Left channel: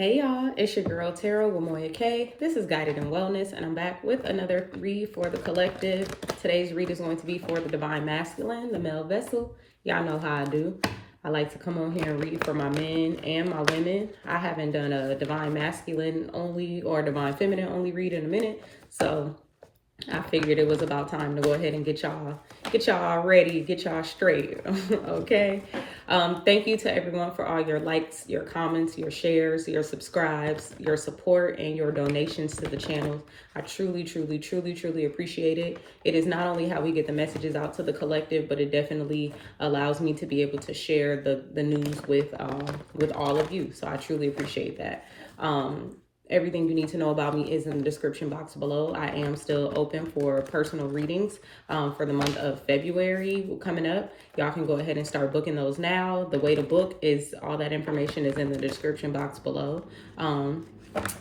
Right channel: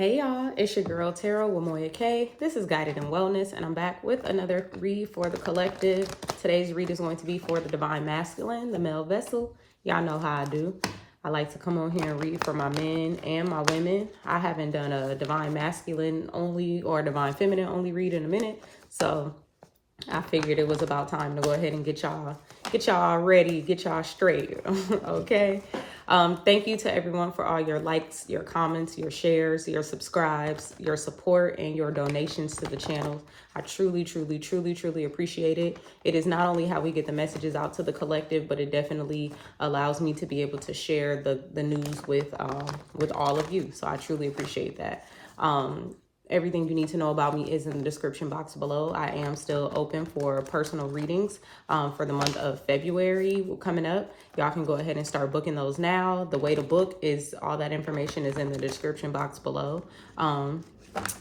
Hey y'all, it's your girl Tara with Moya K. This is Guided in Wellness, and I'm back with another read for the collective. Today's read is going to be for the Divine Masculine, the male vessel. Y'all know how I do. I like to come on here and read for my men and my women. I haven't done a Divine Masculine only or Divine Feminine only read in a minute, so I figured it was about time to go ahead and get y'all ready, get y'all straight. Okay. Thank you to everyone for all your likes, your comments, your shares, your subscribes, your support, and your donations to the channel. I truly, truly, truly, truly appreciate it. It is not only how we get the messages out to the collective, but it definitely allows me to be able to share the news with all of you. So I truly appreciate that. Everything you need to know about me is in the description box below. I am still open for personal readings for the month of February coming up. Y'all can go ahead and start booking those now. The way to book is all that information is in the description box below.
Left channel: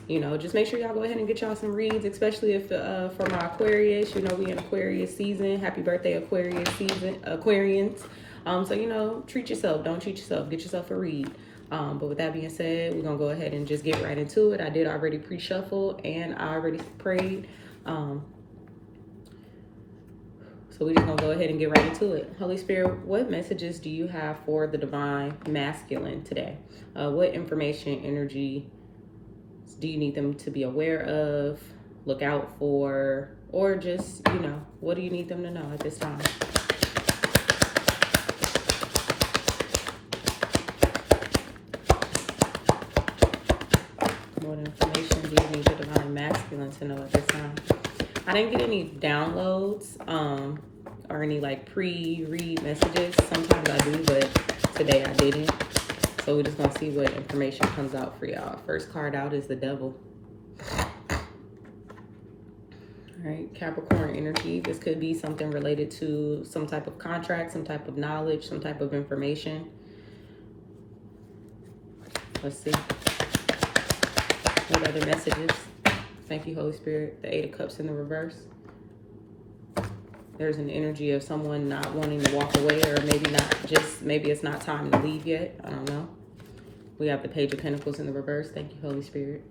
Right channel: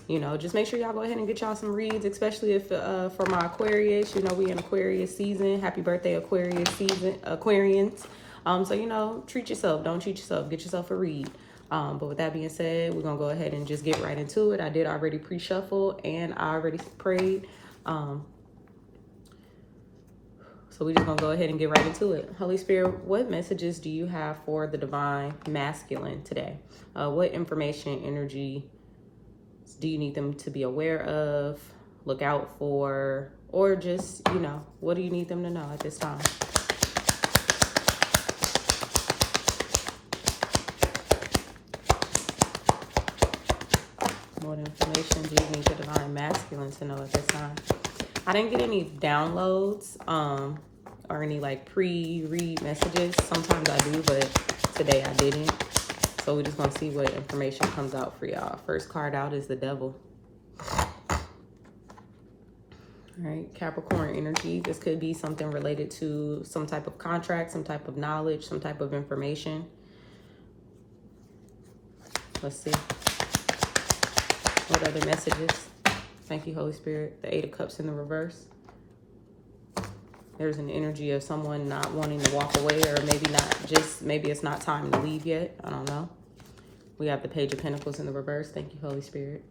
Just make sure y'all go ahead and get y'all some reads, especially if for my Aquarius, we in Aquarius season. Happy birthday, Aquarius season, Aquarians. So, treat yourself. Don't cheat yourself. Get yourself a read. But with that being said, we're going to go ahead and just get right into it. I did already pre-shuffle and I already prayed. So we're just going to go ahead and get right into it. Holy Spirit, what messages do you have for the Divine Masculine today? What information, energy do you need them to be aware of, look out for, or just, what do you need them to know at this time? What information do you need the Divine Masculine to know at this time? I didn't get any downloads or any pre-read messages. Sometimes I do, but today I didn't. So we're just going to see what information comes out for y'all. First card out is the Devil. All right, Capricorn energy. This could be something related to some type of contract, some type of knowledge, some type of information. Let's see. What other messages? Thank you, Holy Spirit. The Eight of Cups in the reverse. There's an energy of someone not wanting to walk away, or maybe it's not time to leave yet. I don't know. We have the Page of Pentacles in the reverse. Thank you, Holy Spirit.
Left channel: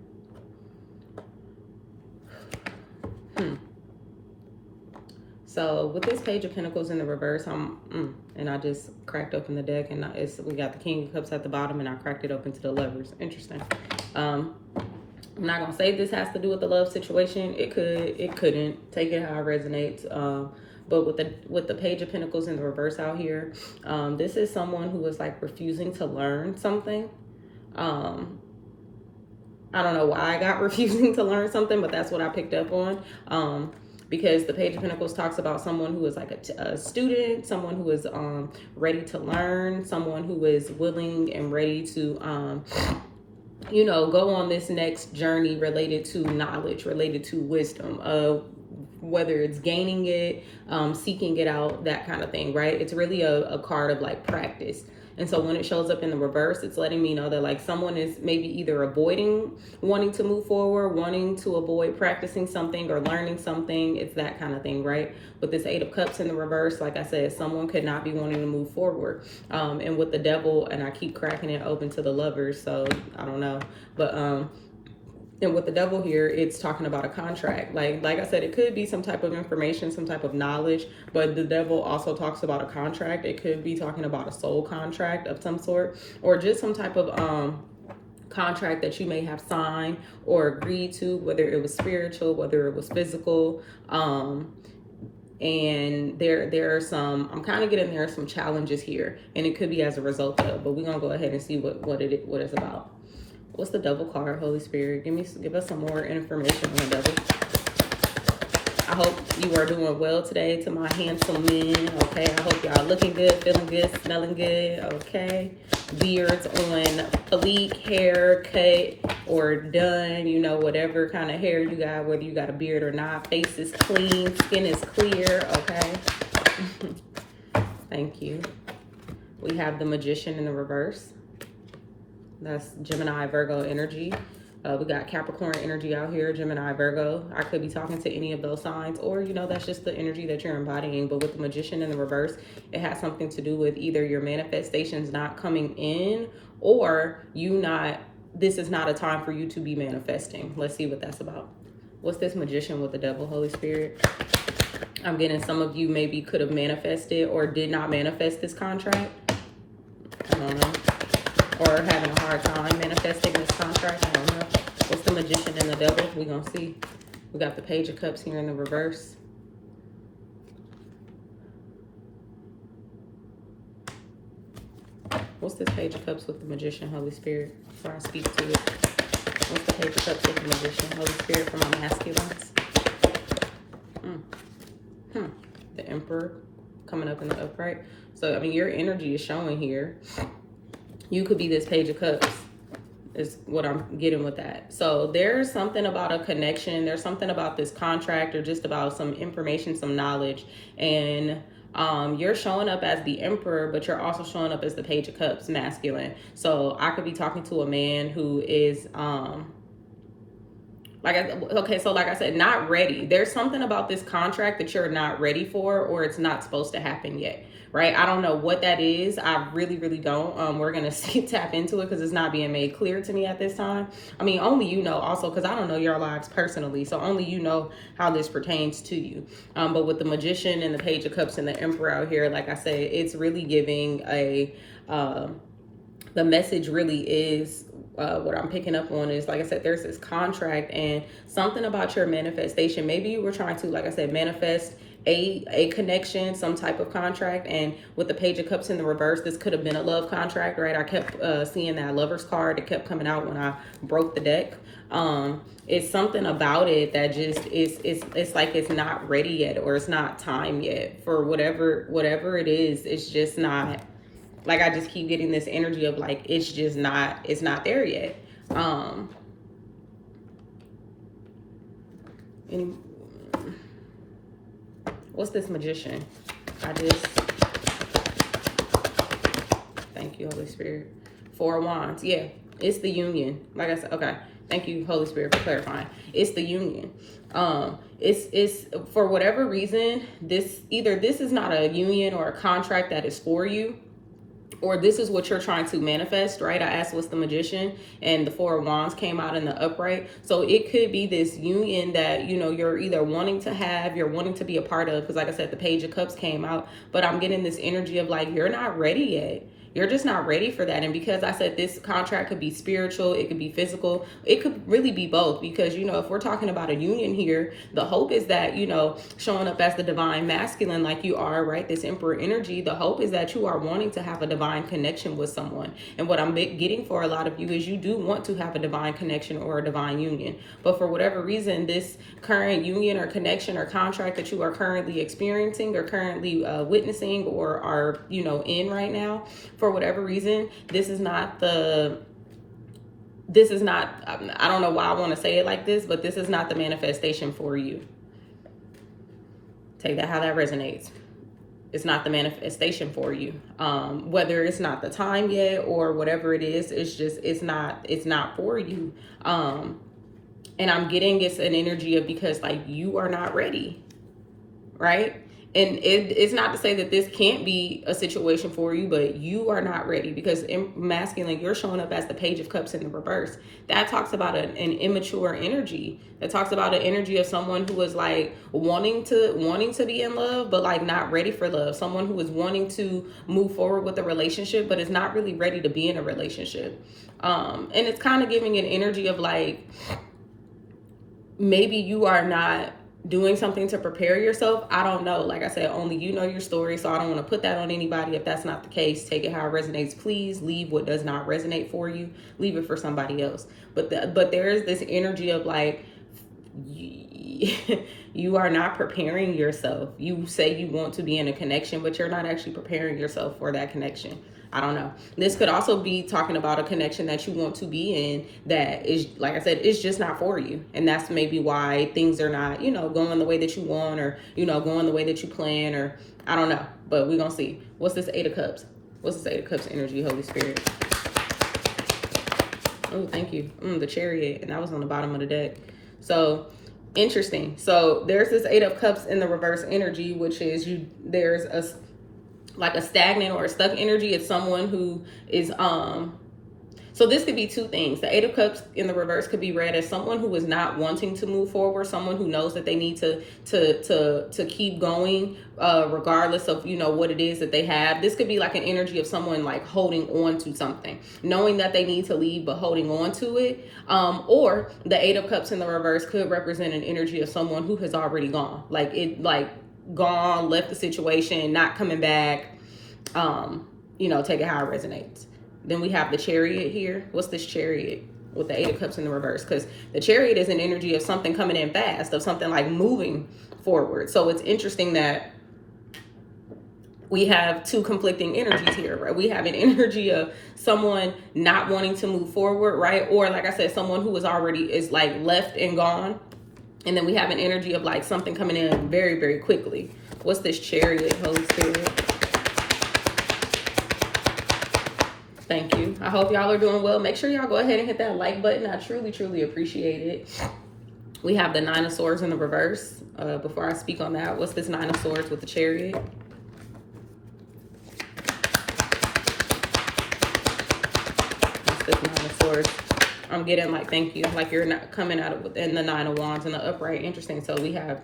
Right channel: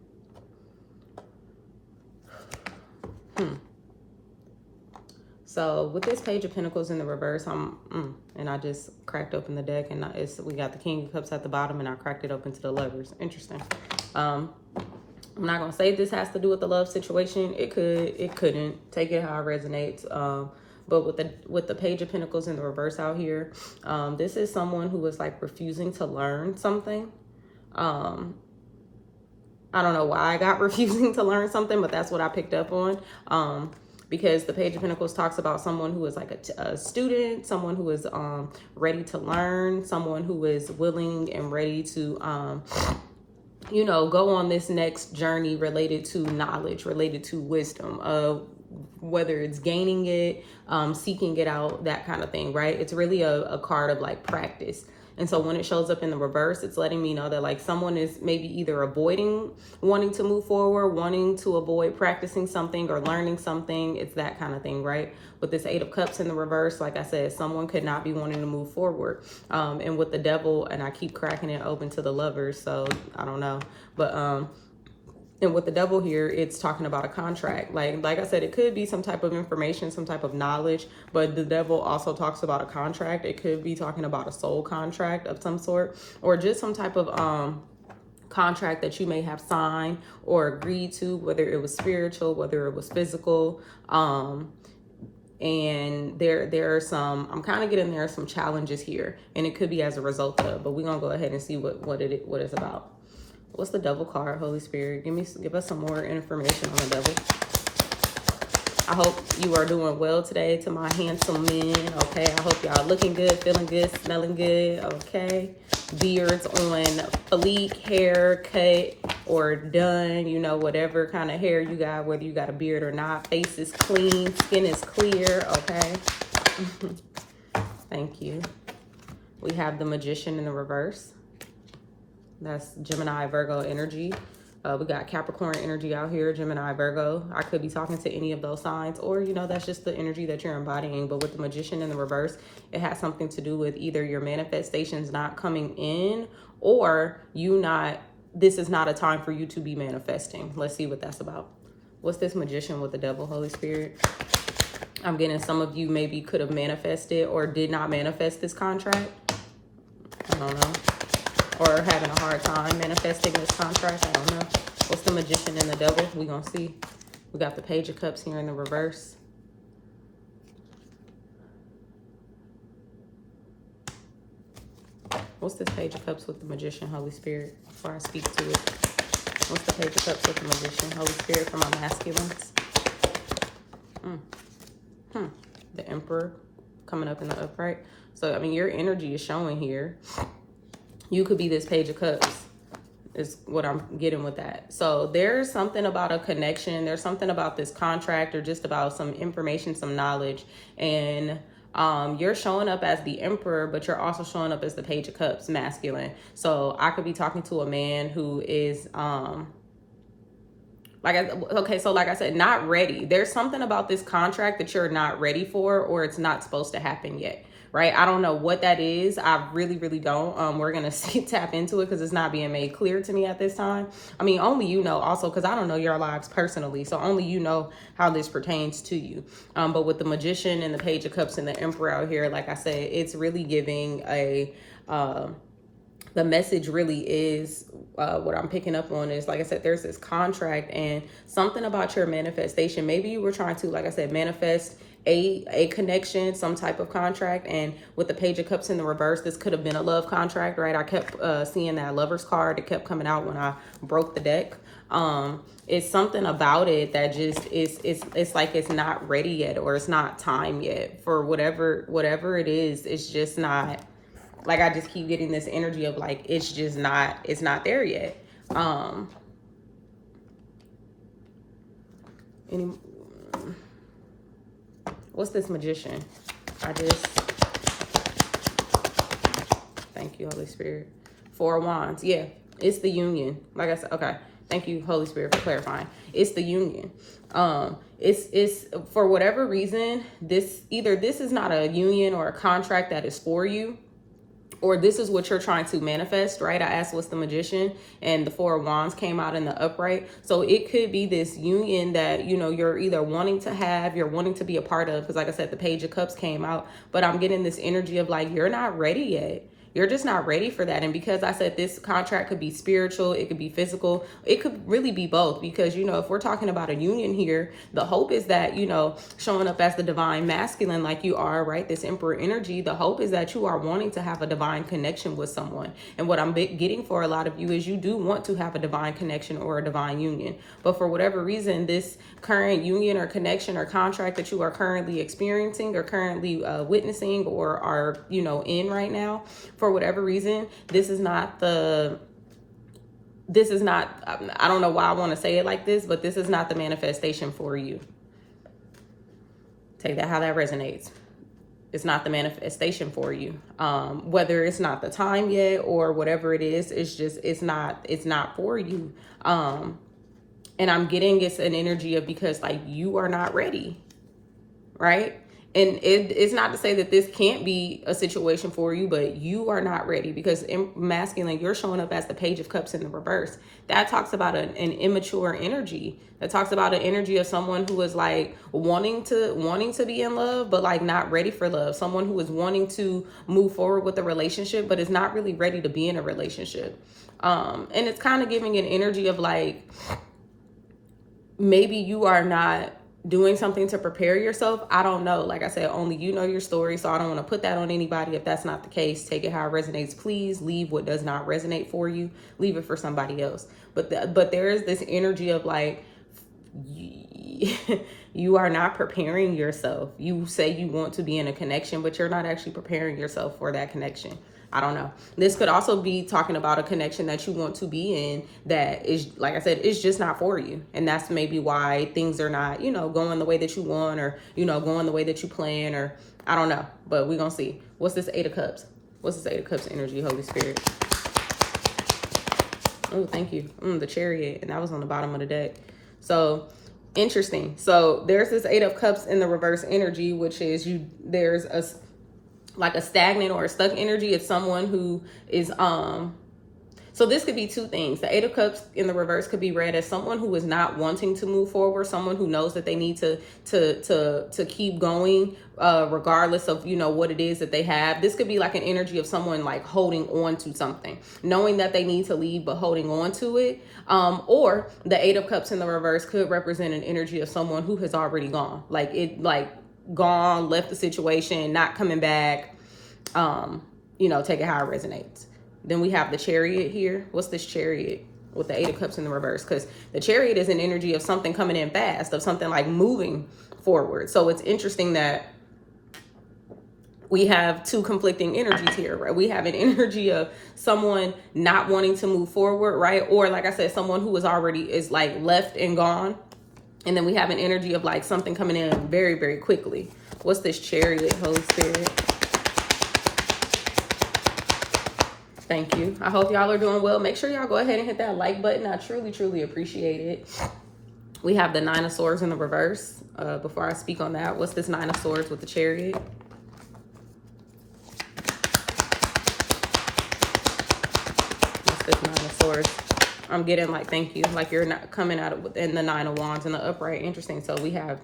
So with this Page of Pentacles in the reverse, and I just cracked open the deck, and we got the King of Cups at the bottom, and I cracked it open to the Lovers. Interesting. I'm not gonna say this has to do with the love situation. It could, it couldn't. Take it how it resonates. But with the Page of Pentacles in the reverse out here, this is someone who is refusing to learn something. I don't know why I got refusing to learn something, but that's what I picked up on. Because the Page of Pentacles talks about someone who is a student, someone who is ready to learn, someone who is willing and ready to go on this next journey related to knowledge, related to wisdom, whether it's gaining it, seeking it out, that kind of thing, right? It's really a card of practice. And so when it shows up in the reverse, it's letting me know that someone is maybe either avoiding wanting to move forward, wanting to avoid practicing something or learning something. It's that kind of thing, right? With this Eight of Cups in the reverse, like I said, someone could not be wanting to move forward. And with the Devil, and I keep cracking it open to the Lovers, so I don't know. But and with the Devil here, it's talking about a contract. Like I said, it could be some type of information, some type of knowledge, but the Devil also talks about a contract. It could be talking about a soul contract of some sort, or just some type of contract that you may have signed or agreed to, whether it was spiritual, whether it was physical. And there are some, I'm kind of getting there are some challenges here, and it could be as a result of, but we're going to go ahead and see what it's about. What's the Devil card, Holy Spirit? Give us some more information on the Devil. I hope you are doing well today, to my handsome men, okay? I hope y'all looking good, feeling good, smelling good, okay? Beards on fleek, hair cut or done, whatever kind of hair you got, whether you got a beard or not. Face is clean, skin is clear, okay? Thank you. We have the Magician in the reverse. That's Gemini, Virgo energy. We got Capricorn energy out here, Gemini, Virgo. I could be talking to any of those signs, or, that's just the energy that you're embodying. But with the Magician in the reverse, it has something to do with either your manifestations not coming in, or you not this is not a time for you to be manifesting. Let's see what that's about. What's this Magician with the Devil, Holy Spirit? I'm getting some of you maybe could have manifested or did not manifest this contract. I don't know. Or having a hard time manifesting this contract. I don't know. What's the Magician and the Devil? We're going to see. We got the Page of Cups here in the reverse. What's this Page of Cups with the Magician, Holy Spirit? Before I speak to it. What's the Page of Cups with the Magician, Holy Spirit, for my masculines? The Emperor coming up in the upright. So, I mean, your energy is showing here. You could be this Page of Cups, is what I'm getting with that. So there's something about a connection. There's something about this contract, or just about some information, some knowledge. And you're showing up as the Emperor, but you're also showing up as the Page of Cups, masculine. So I could be talking to a man who is, like I said, not ready. There's something about this contract that you're not ready for, or it's not supposed to happen yet, right? I don't know what that is. I really, really don't. We're going to tap into it because it's not being made clear to me at this time. I mean, only you know, also because I don't know your lives personally. So only you know how this pertains to you. But with the Magician and the Page of Cups and the Emperor out here, like I said, it's really giving a, the message really is, what I'm picking up on is, like I said, there's this contract and something about your manifestation. Maybe you were trying to, like I said, manifest a connection, some type of contract. And with the Page of Cups in the reverse, this could have been a love contract, right? I kept seeing that Lover's card. It kept coming out when I broke the deck. It's something about it that just it's like it's not ready yet, or it's not time yet for whatever it is. It's just not. Like, I just keep getting this energy of like, it's not there yet. What's this Magician? Thank you, Holy Spirit. 4 of Wands. Yeah, it's the union. Like I said, okay. Thank you, Holy Spirit, for clarifying. It's the union. It's for whatever reason, this is not a union or a contract that is for you, or this is what you're trying to manifest, right? I asked what's the Magician, and the 4 of Wands came out in the upright. So it could be this union that, you know, you're either wanting to have, you're wanting to be a part of, because like I said, the Page of Cups came out, but I'm getting this energy of like, you're not ready yet. You're just not ready for that. And because I said this contract could be spiritual, it could be physical, it could really be both. Because, you know, if we're talking about a union here, the hope is that, you know, showing up as the divine masculine like you are, right? This Emperor energy, the hope is that you are wanting to have a divine connection with someone. And what I'm getting for a lot of you is you do want to have a divine connection or a divine union. But for whatever reason, this current union or connection or contract that you are currently experiencing or currently witnessing or are, you know, in right now, for whatever reason, this is not, I don't know why I want to say it like this, but this is not the manifestation for you. Take that how that resonates. It's not the manifestation for you. Whether it's not the time yet or whatever it is, it's not for you. And I'm getting it's an energy of, because like you are not ready, right? And it's not to say that this can't be a situation for you, but you are not ready, because in masculine, you're showing up as the Page of Cups in the reverse. That talks about an immature energy. That talks about an energy of someone who is like wanting to be in love, but like not ready for love. Someone who is wanting to move forward with a relationship, but is not really ready to be in a relationship. And it's kind of giving an energy of like, maybe you are not doing something to prepare yourself. I don't know. Like I said, only you know your story. So I don't want to put that on anybody. If that's not the case, take it how it resonates. Please leave what does not resonate for you. Leave it for somebody else. But there is this energy of like, you are not preparing yourself. You say you want to be in a connection, but you're not actually preparing yourself for that connection. I don't know. This could also be talking about a connection that you want to be in that is, like I said, it's just not for you. And that's maybe why things are not, you know, going the way that you want, or, you know, going the way that you plan, or I don't know. But we're going to see. What's this 8 of Cups? What's this 8 of Cups energy, Holy Spirit? Oh, thank you. The Chariot. And that was on the bottom of the deck. So interesting. So there's this 8 of Cups in the reverse energy, which is there's a stagnant or a stuck energy. It's someone who is So this could be two things. The Eight of Cups in the reverse could be read as someone who is not wanting to move forward, someone who knows that they need to keep going, regardless of, you know, what it is that they have. This could be like an energy of someone like holding on to something, knowing that they need to leave, but holding on to it. Or the Eight of Cups in the reverse could represent an energy of someone who has already gone, gone, left the situation, not coming back. You know, take it how it resonates. Then we have the Chariot here. What's this Chariot with the Eight of Cups in the reverse? Because the Chariot is an energy of something coming in fast, of something like moving forward. So it's interesting that we have two conflicting energies here, right? We have an energy of someone not wanting to move forward, right? Or like I said, someone who is like left and gone. And then we have an energy of like something coming in very, very quickly. What's this Chariot, Holy Spirit? Thank you. I hope y'all are doing well. Make sure y'all go ahead and hit that like button. I truly, truly appreciate it. We have the Nine of Swords in the reverse. Before I speak on that, what's this Nine of Swords with the Chariot? What's this Nine of Swords? I'm getting like, thank you. Like you're not coming out of within the Nine of Wands in the upright. Interesting. So we have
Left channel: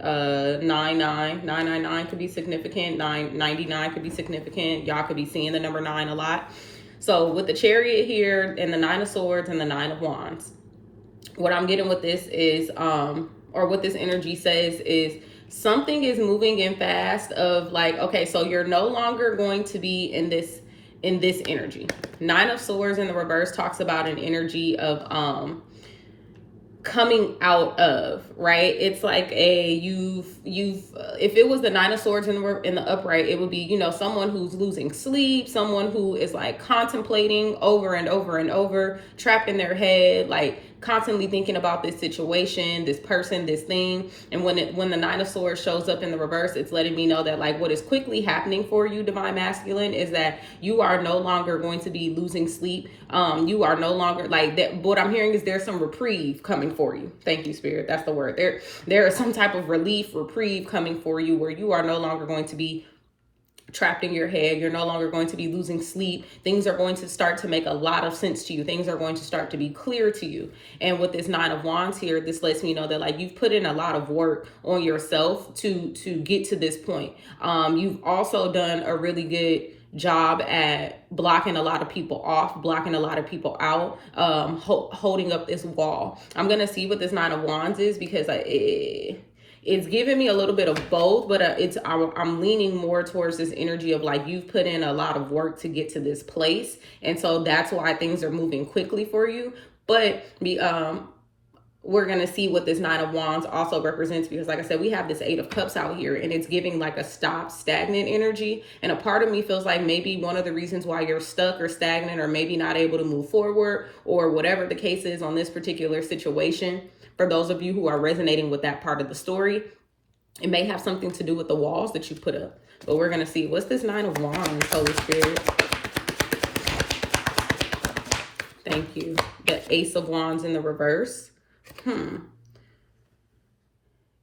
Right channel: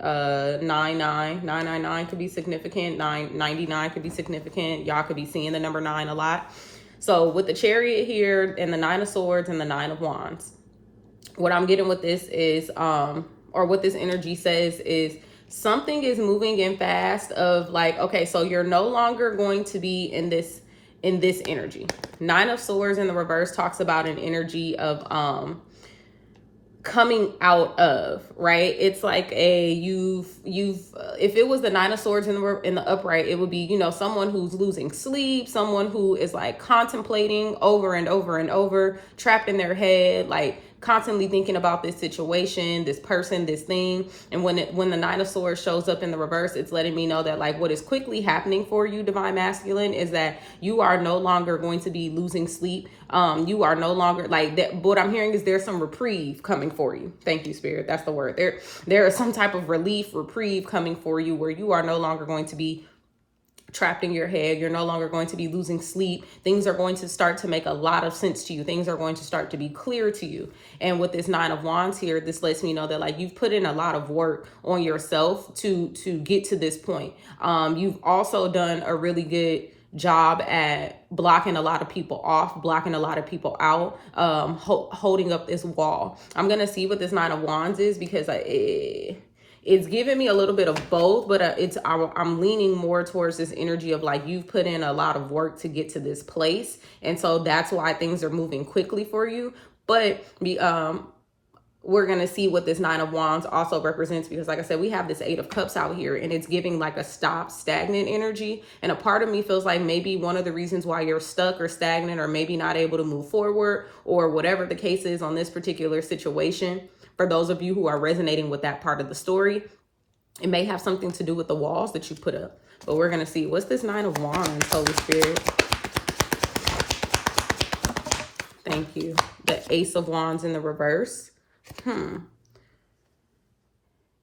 999 could be significant. 999 could be significant. Y'all could be seeing the number 9 a lot. So with the Chariot here and the Nine of Swords and the Nine of Wands, what I'm getting with this is, or what this energy says is something is moving in fast of like, okay, so you're no longer going to be in this energy. Nine of Swords in the reverse talks about an energy of, coming out of, right? It's like if it was the Nine of Swords in the upright, it would be, you know, someone who's losing sleep, someone who is like contemplating over and over and over, trapped in their head, like constantly thinking about this situation, this person, this thing. And when the Nine of Swords shows up in the reverse, it's letting me know that like what is quickly happening for you, Divine Masculine, is that you are no longer going to be losing sleep. You are no longer like that. What I'm hearing is there's some reprieve coming for you. Thank you, Spirit. That's the word. There is some type of relief, reprieve coming for you, where you are no longer going to be trapped in your head. You're no longer going to be losing sleep. Things are going to start to make a lot of sense to you. Things are going to start to be clear to you. And with this Nine of Wands here, this lets me know that like you've put in a lot of work on yourself to get to this point. You've also done a really good job at blocking a lot of people off, blocking a lot of people out, holding up this wall. I'm going to see what this Nine of Wands is, because it's giving me a little bit of both, but I'm leaning more towards this energy of like you've put in a lot of work to get to this place. And so that's why things are moving quickly for you. But we're going to see what this Nine of Wands also represents, because like I said, we have this Eight of Cups out here and it's giving like a stop, stagnant energy. And a part of me feels like maybe one of the reasons why you're stuck or stagnant, or maybe not able to move forward, or whatever the case is on this particular situation, for those of you who are resonating with that part of the story, it may have something to do with the walls that you put up. But we're going to see. What's this Nine of Wands, Holy Spirit? Thank you. The Ace of Wands in the reverse.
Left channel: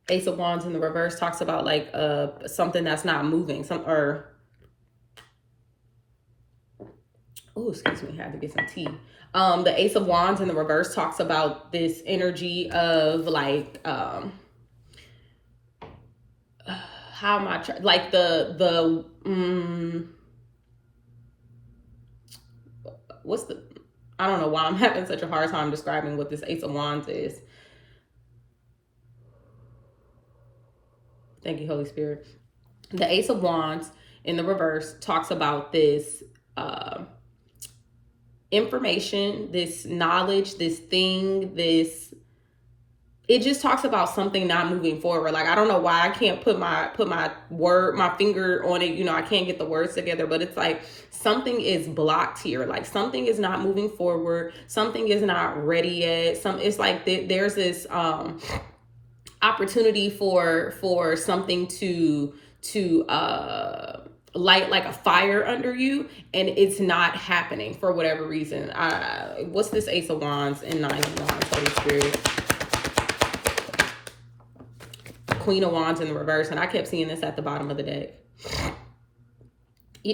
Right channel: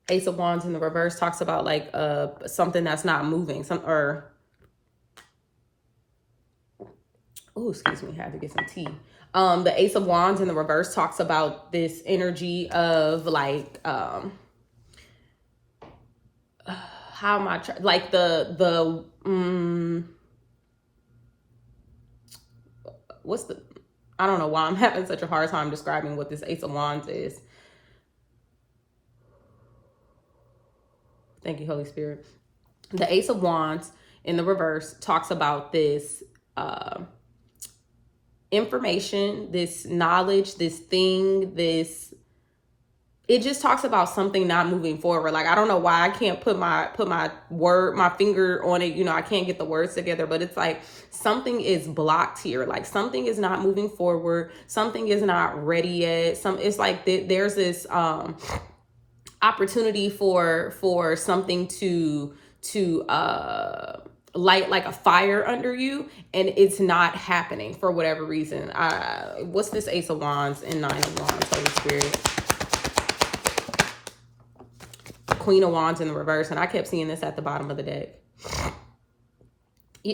Ace of Wands in the reverse talks about like something that's not moving. Excuse me, I had to get some tea. The Ace of Wands in the reverse talks about this energy of like how am I like I don't know why I'm having such a hard time describing what this Ace of Wands is. Thank you, Holy Spirit. The Ace of Wands in the reverse talks about this information, this knowledge, this thing, it just talks about something not moving forward. Like, I don't know why I can't put my finger on it. You know, I can't get the words together, but it's like something is blocked here. Like something is not moving forward. Something is not ready yet. It's like there's this opportunity for something to light like a fire under you, and it's not happening for whatever reason. What's this Ace of Wands and Nine of Wands, Holy Spirit? Queen of Wands in the reverse, and I kept seeing this at the bottom of the deck.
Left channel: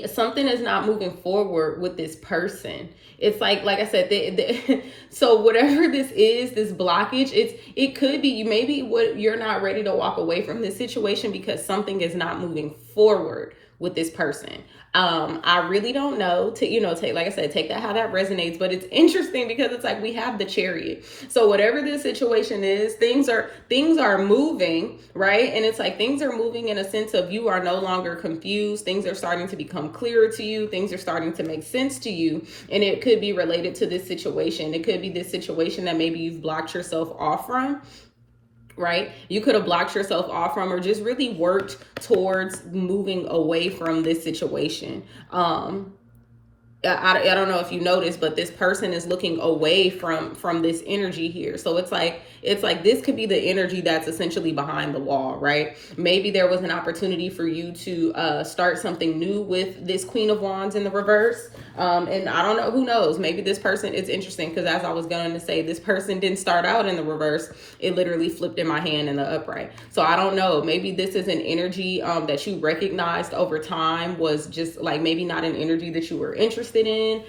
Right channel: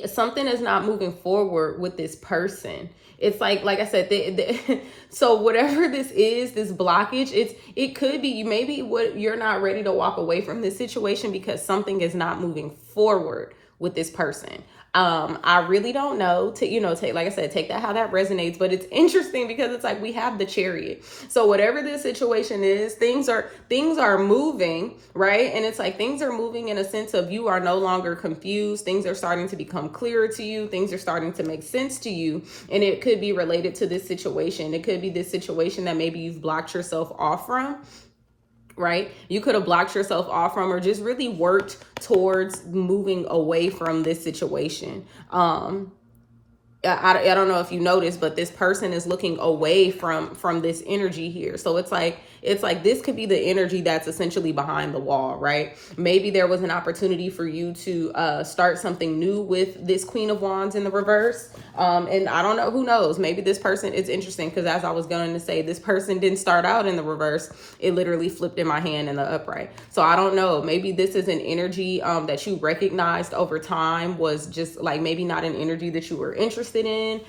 Something is not moving forward with this person. It's like I said, so whatever this is, this blockage, it could be maybe you're not ready to walk away from this situation because something is not moving forward with this person. I really don't know take, like I said, take that how that resonates, but it's interesting because it's like we have the Chariot. So whatever this situation is, things are moving, right? And it's like things are moving in a sense of you are no longer confused. Things are starting to become clearer to you. Things are starting to make sense to you. And it could be related to this situation. It could be this situation that maybe you've blocked yourself off from. Right? You could have blocked yourself off from or just really worked towards moving away from this situation. I don't know if you noticed, but this person is looking away from this energy here. So it's like this could be the energy that's essentially behind the wall, right? Maybe there was an opportunity for you to start something new with this Queen of Wands in the reverse. And I don't know, who knows? Maybe this person, it's interesting because as I was going to say, this person didn't start out in the reverse. It literally flipped in my hand in the upright. So I don't know. Maybe this is an energy that you recognized over time was just like maybe not an energy that you were interested in.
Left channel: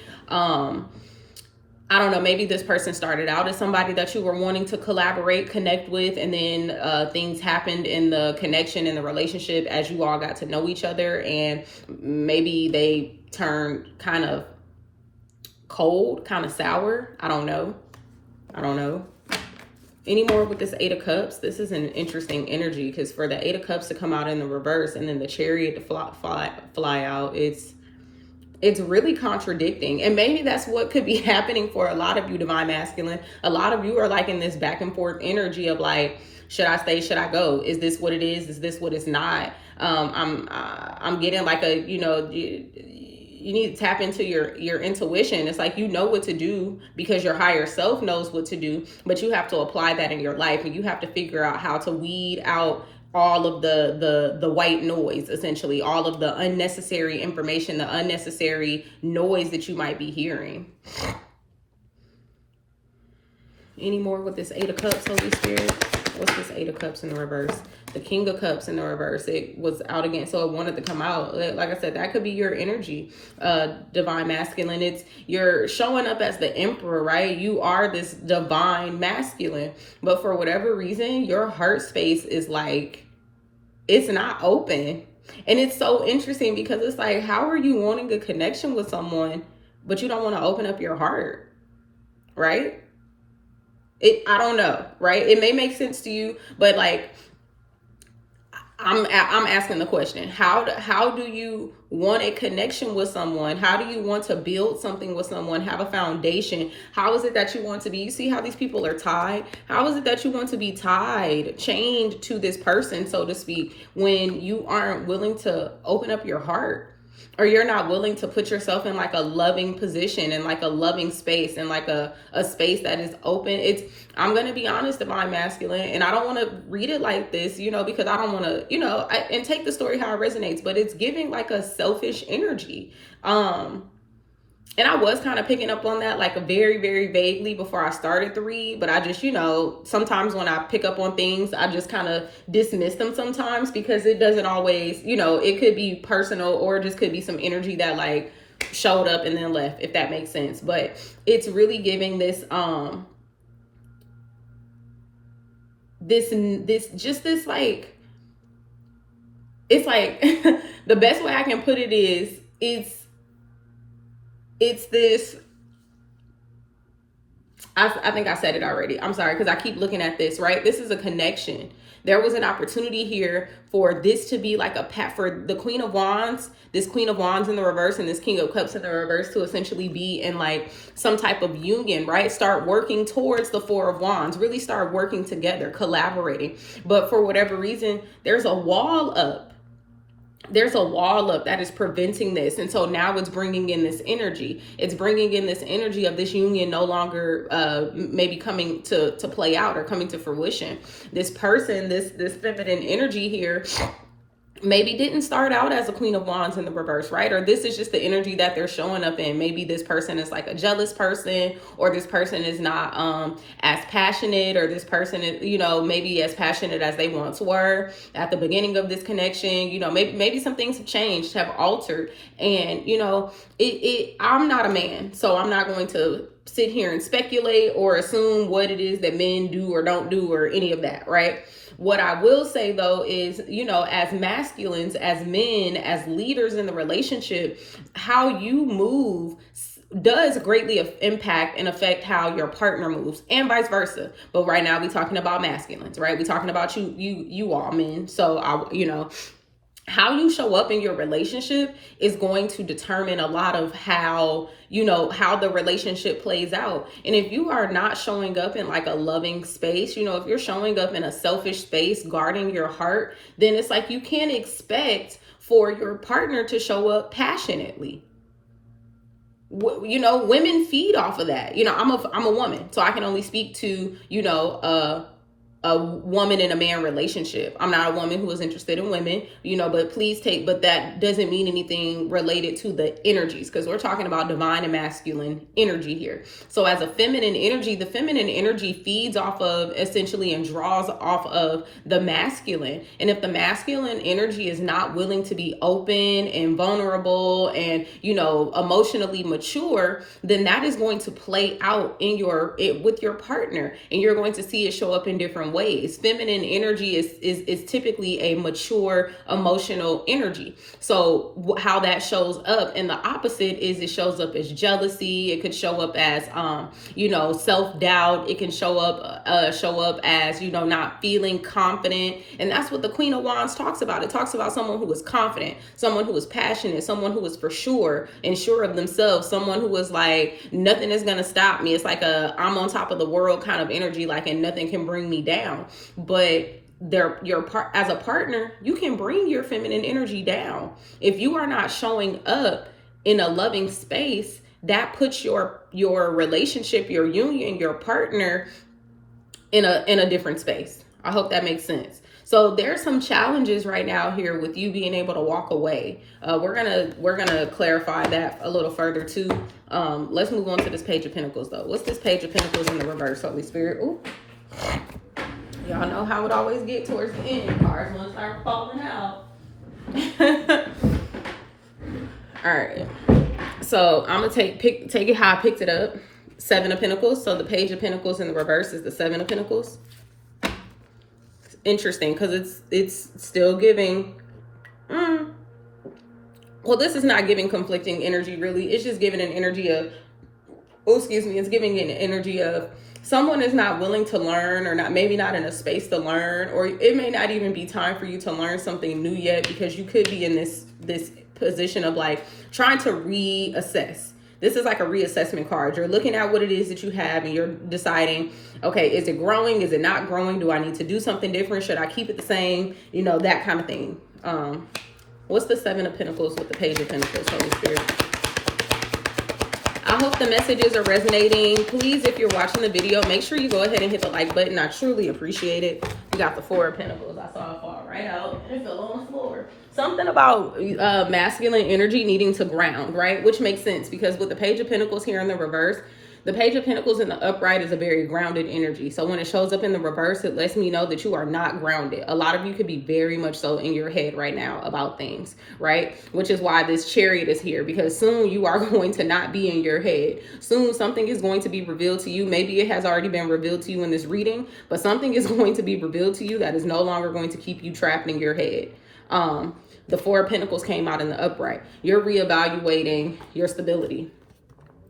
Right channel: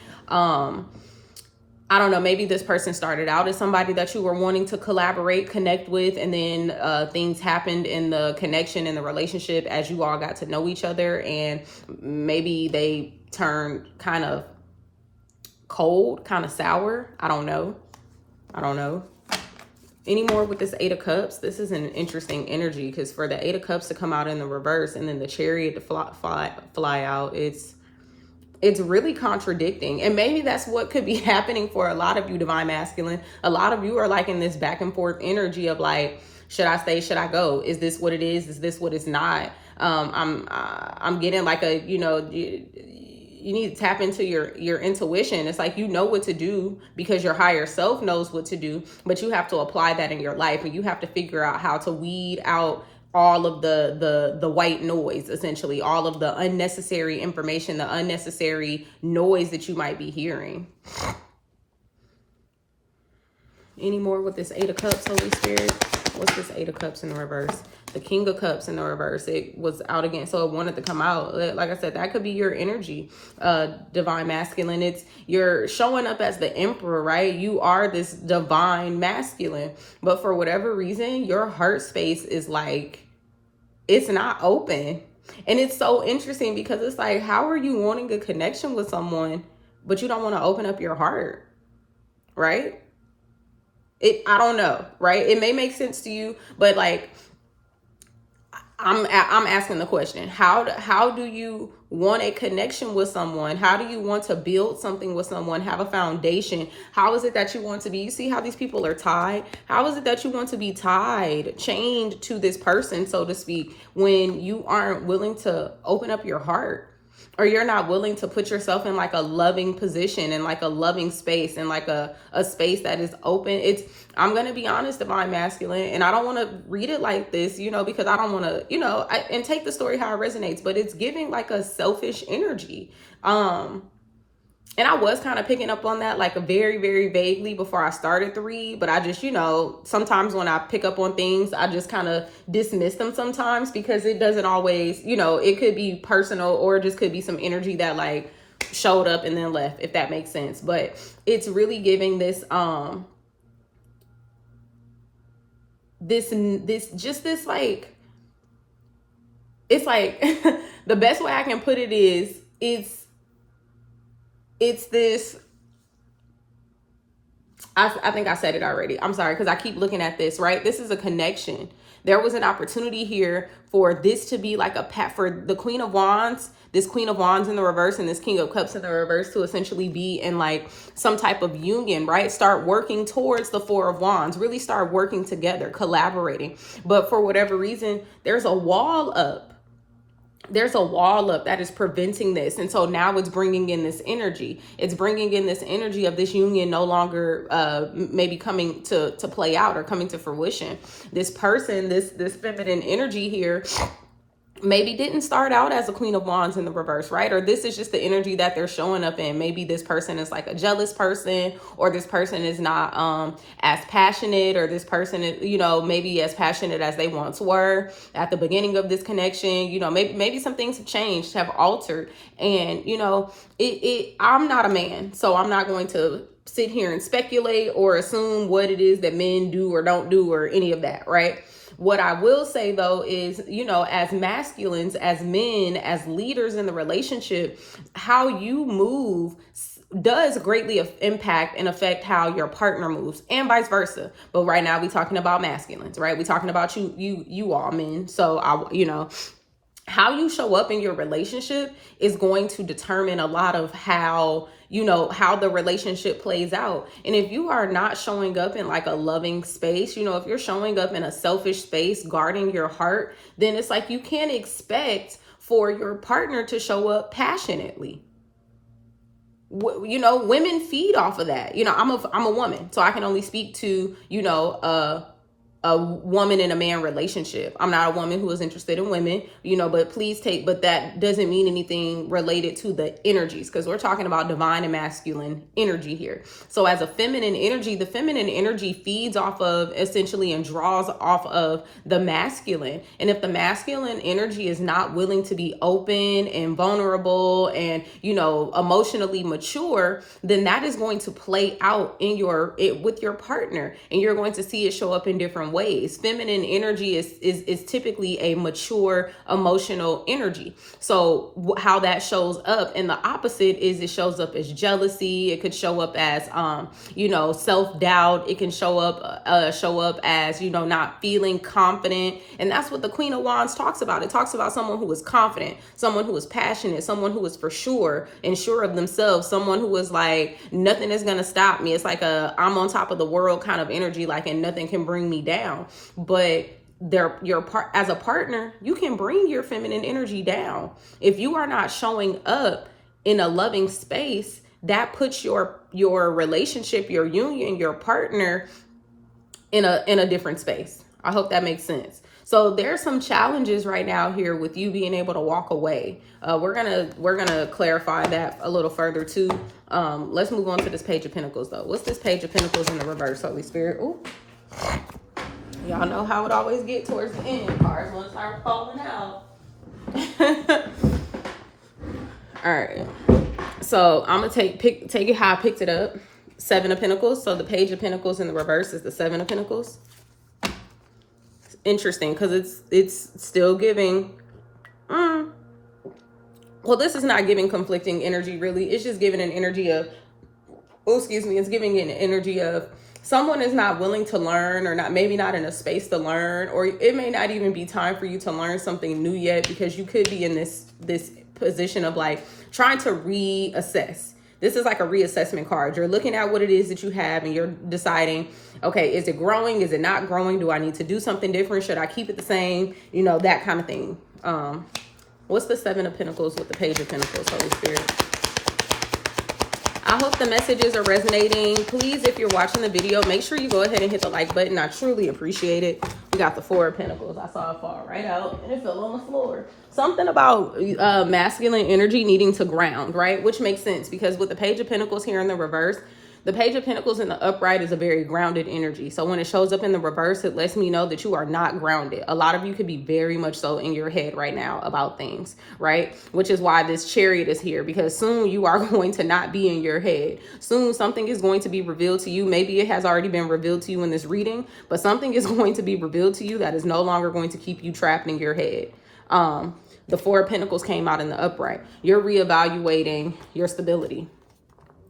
I don't know, maybe this person started out as somebody that you were wanting to collaborate, connect with, and then things happened in the connection and the relationship as you all got to know each other, and maybe they turned kind of cold, kind of sour. I don't know. Anymore with this Eight of Cups, this is an interesting energy because for the Eight of Cups to come out in the reverse and then the Chariot to fly out, it's really contradicting. And maybe that's what could be happening for a lot of you, Divine Masculine. A lot of you are like in this back and forth energy of like, should I stay? Should I go? Is this what it is? Is this what it's not? I'm getting like you need to tap into your intuition. It's like, you know what to do because your higher self knows what to do, but you have to apply that in your life, and you have to figure out how to weed out all of the white noise, essentially, all of the unnecessary information, the unnecessary noise that you might be hearing. Any more with this Eight of Cups, Holy Spirit? What's this Eight of Cups in the reverse? The King of Cups in the reverse. It was out again, so it wanted to come out. Like I said, that could be your energy, Divine Masculine. You're showing up as the Emperor, right? You are this Divine Masculine, but for whatever reason, your heart space is like, it's not open. And it's so interesting because it's like, how are you wanting a connection with someone, but you don't want to open up your heart, right? I don't know, right? It may make sense to you, but like, I'm asking the question, how do you want a connection with someone? How do you want to build something with someone, have a foundation? How is it that you want to be? You see how these people are tied? How is it that you want to be tied, chained to this person, so to speak, when you aren't willing to open up your heart? Or you're not willing to put yourself in like a loving position and like a loving space and like a space that is open. I'm going to be honest, Divine Masculine, and I don't want to read it like this, because I don't want to, and take the story how it resonates, but it's giving like a selfish energy. And I was kind of picking up on that like a very, very vaguely before I started to read. But I just, sometimes when I pick up on things, I just kind of dismiss them sometimes because it doesn't always, it could be personal or it just could be some energy that like showed up and then left, if that makes sense. But it's really giving this, this like, it's like the best way I can put it is it's this, I think I said it already. I'm sorry, because I keep looking at this, right? This is a connection. There was an opportunity here for this to be like for the Queen of Wands, this Queen of Wands in the reverse and this King of Cups in the reverse to essentially be in like some type of union, right? Start working towards the Four of Wands, really start working together, collaborating. But for whatever reason, there's a wall up. There's a wall up that is preventing this. And so now it's bringing in this energy. It's bringing in this energy of this union no longer maybe coming to play out or coming to fruition. This person, this feminine energy here maybe didn't start out as a Queen of Wands in the reverse, right? Or this is just the energy that they're showing up in. Maybe this person is like a jealous person, or this person is not as passionate, or this person is, you know, maybe as passionate as they once were at the beginning of this connection. You know, maybe some things have changed, have altered. And, you know, I'm not a man, so I'm not going to sit here and speculate or assume what it is that men do or don't do or any of that, right? What I will say though is, you know, as masculines, as men, as leaders in the relationship, how you move does greatly impact and affect how your partner moves, and vice versa. But right now we're talking about masculines, right? We're talking about you all men. So you know, how you show up in your relationship is going to determine a lot of how, you know, how the relationship plays out. And if you are not showing up in like a loving space, you know, if you're showing up in a selfish space, guarding your heart, then it's like you can't expect for your partner to show up passionately. You know, women feed off of that. You know, I'm a woman, so I can only speak to, you know, a woman and a man relationship. I'm not a woman who is interested in women, you know, but but that doesn't mean anything related to the energies, because we're talking about divine and masculine energy here. So as a feminine energy, the feminine energy feeds off of essentially and draws off of the masculine. And if the masculine energy is not willing to be open and vulnerable and, you know, emotionally mature, then that is going to play out in with your partner, and you're going to see it show up in different ways. Feminine energy is typically a mature emotional energy. So how that shows up, and the opposite is it shows up as jealousy. It could show up as you know, self-doubt. It can show up as, you know, not feeling confident. And that's what the Queen of Wands talks about. It talks about someone who is confident, someone who is passionate, someone who is for sure and sure of themselves, someone who is like, nothing is gonna stop me. It's like I'm on top of the world kind of energy, like, and nothing can bring me down. But as a partner, you can bring your feminine energy down. If you are not showing up in a loving space, that puts your relationship, your union, your partner in a different space. I hope that makes sense. So there's some challenges right now here with you being able to walk away. We're gonna clarify that a little further too. Let's move on to this Page of Pentacles though. What's this Page of Pentacles in the reverse, Holy Spirit? Ooh. Y'all know how it always get towards the end. Cards want to start falling out. All right. So I'm gonna take it how I picked it up. 7 of Pentacles. So the Page of Pentacles in the reverse is the 7 of Pentacles. It's interesting because it's still giving. Well, this is not giving conflicting energy really. It's just giving an energy of. It's giving an energy of someone is not willing to learn, or maybe not in a space to learn, or it may not even be time for you to learn something new yet, because you could be in this position of like trying to reassess. This is like a reassessment card. You're looking at what it is that you have and you're deciding, okay, is it growing? Is it not growing? Do I need to do something different? Should I keep it the same? You know, that kind of thing. What's the 7 of Pentacles with the Page of Pentacles, Holy Spirit? I hope the messages are resonating. Please, if you're watching the video, make sure you go ahead and hit the like button. I truly appreciate it. We got the 4 of Pentacles. I saw it fall right out and it fell on the floor. Something about masculine energy needing to ground, right? Which makes sense because with the Page of Pentacles here in the reverse, the Page of Pentacles in the upright is a very grounded energy. So when it shows up in the reverse, it lets me know that you are not grounded. A lot of you could be very much so in your head right now about things, right? Which is why this Chariot is here, because soon you are going to not be in your head. Soon something is going to be revealed to you. Maybe it has already been revealed to you in this reading, but something is going to be revealed to you that is no longer going to keep you trapped in your head. The 4 of Pentacles came out in the upright. You're reevaluating your stability.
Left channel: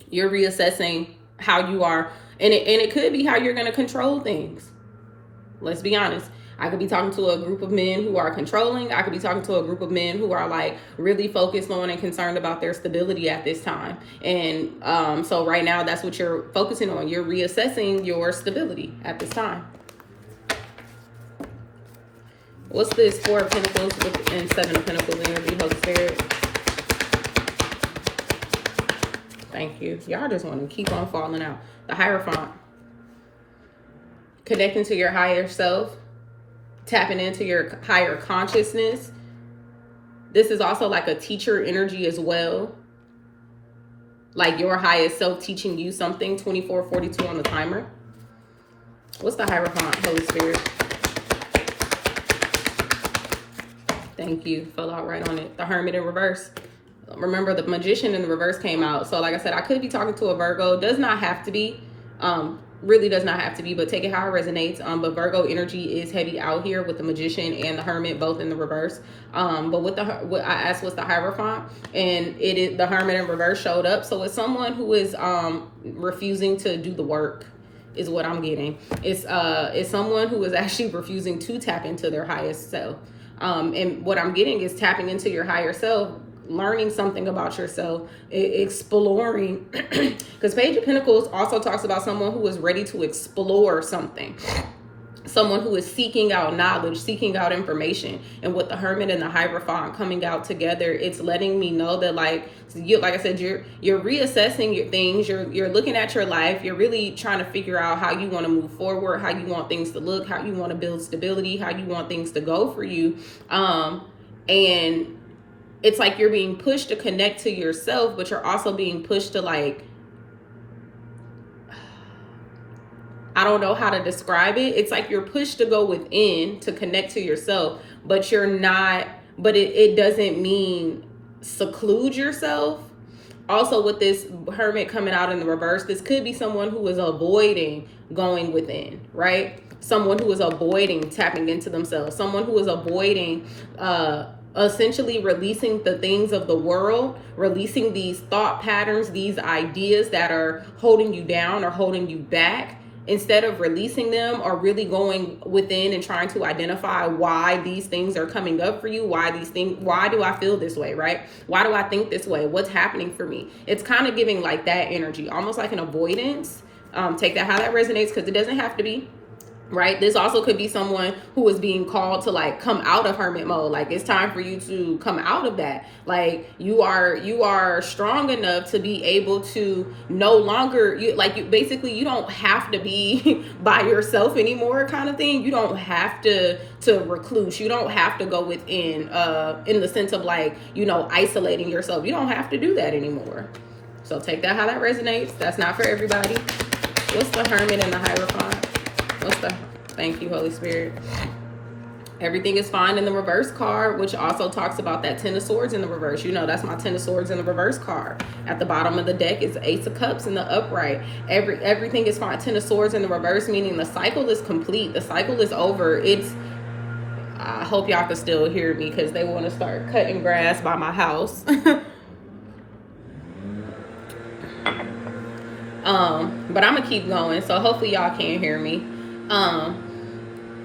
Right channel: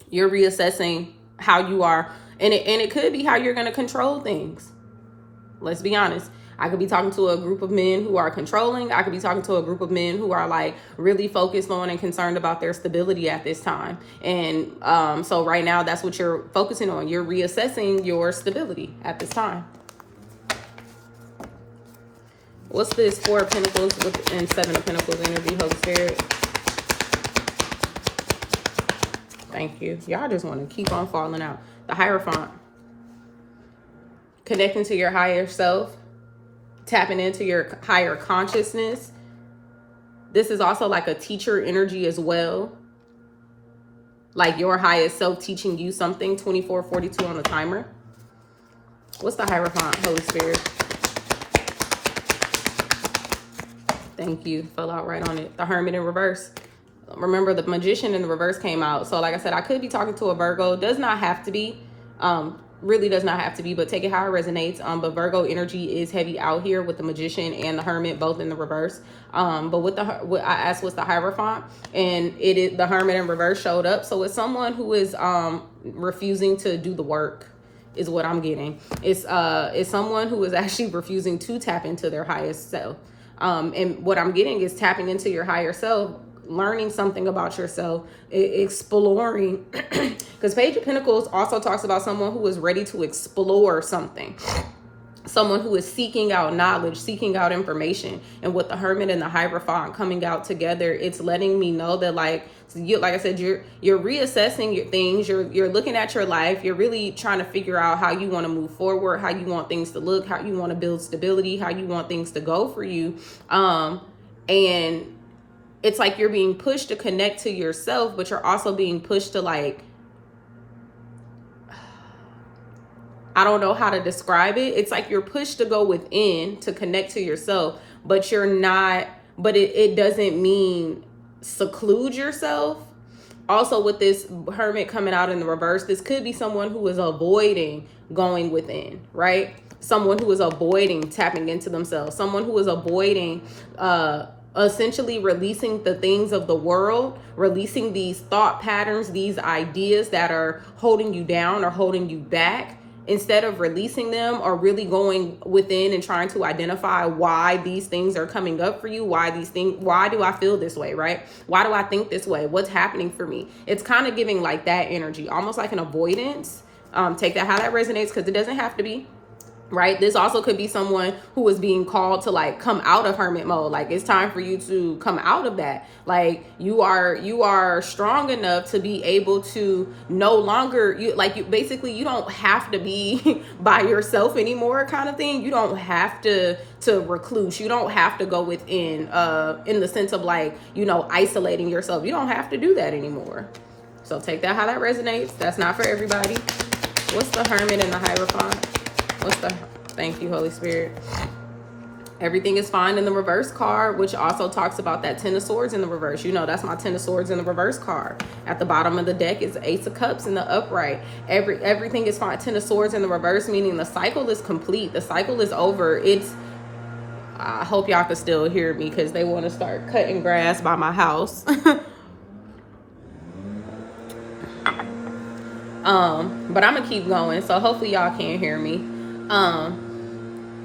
You're reassessing how you are, and it could be how you're going to control things. Let's be honest. I could be talking to a group of men who are controlling. I could be talking to a group of men who are like really focused on and concerned about their stability at this time. And so right now, that's what you're focusing on. You're reassessing your stability at this time. What's this 4 of Pentacles and 7 of Pentacles energy, Holy Spirit? Thank you. Y'all just want to keep on falling out. The Hierophant. Connecting to your higher self. Tapping into your higher consciousness. This is also like a teacher energy as well. Like your highest self teaching you something. 2442 on the timer. What's the Hierophant, Holy Spirit? Thank you. Fell out right on it. The Hermit in reverse. Remember, the Magician in the reverse came out. So like I said, I could be talking to a Virgo. Does not have to be. Really does not have to be, but take it how it resonates. But Virgo energy is heavy out here with the Magician and the Hermit both in the reverse. But what I asked, what's the Hierophant, and it is the Hermit in reverse showed up. So it's someone who is refusing to do the work, is what I'm getting. It's someone who is actually refusing to tap into their highest self. And what I'm getting is tapping into your higher self, learning something about yourself, exploring, because Page of Pentacles also talks about someone who is ready to explore something, someone who is seeking out knowledge, seeking out information. And with the Hermit and the Hierophant coming out together, it's letting me know that, like I said, you're reassessing your things, you're looking at your life, you're really trying to figure out how you want to move forward, how you want things to look, how you want to build stability, how you want things to go for you. And it's like you're being pushed to connect to yourself, but you're also being pushed to, like, I don't know how to describe it. It's like you're pushed to go within to connect to yourself, but you're not, but it doesn't mean seclude yourself. Also, with this Hermit coming out in the reverse, this could be someone who is avoiding going within, right? Someone who is avoiding tapping into themselves, someone who is avoiding, essentially releasing the things of the world, releasing these thought patterns, these ideas that are holding you down or holding you back, instead of releasing them or really going within and trying to identify why these things are coming up for you, why do I feel this way, right? Why do I think this way? What's happening for me? It's kind of giving like that energy, almost like an avoidance. Take that how that resonates, because it doesn't have to be. Right? This also could be someone who is being called to, like, come out of hermit mode. Like, it's time for you to come out of that. Like, you are strong enough to be able to no longer, you basically, you don't have to be by yourself anymore, kind of thing. You don't have to recluse. You don't have to go within, in the sense of, like, isolating yourself. You don't have to do that anymore. So take that how that resonates. That's not for everybody. What's the Hermit and the Hierophant? Thank you, Holy Spirit. Everything is fine in the reverse card, which also talks about that Ten of Swords in the reverse. That's my Ten of Swords in the reverse card. At the bottom of the deck is Ace of Cups in the upright. Everything is fine. Ten of Swords in the reverse, meaning the cycle is complete. The cycle is over. I hope y'all can still hear me, because they want to start cutting grass by my house. But I'm gonna keep going, so hopefully y'all can hear me.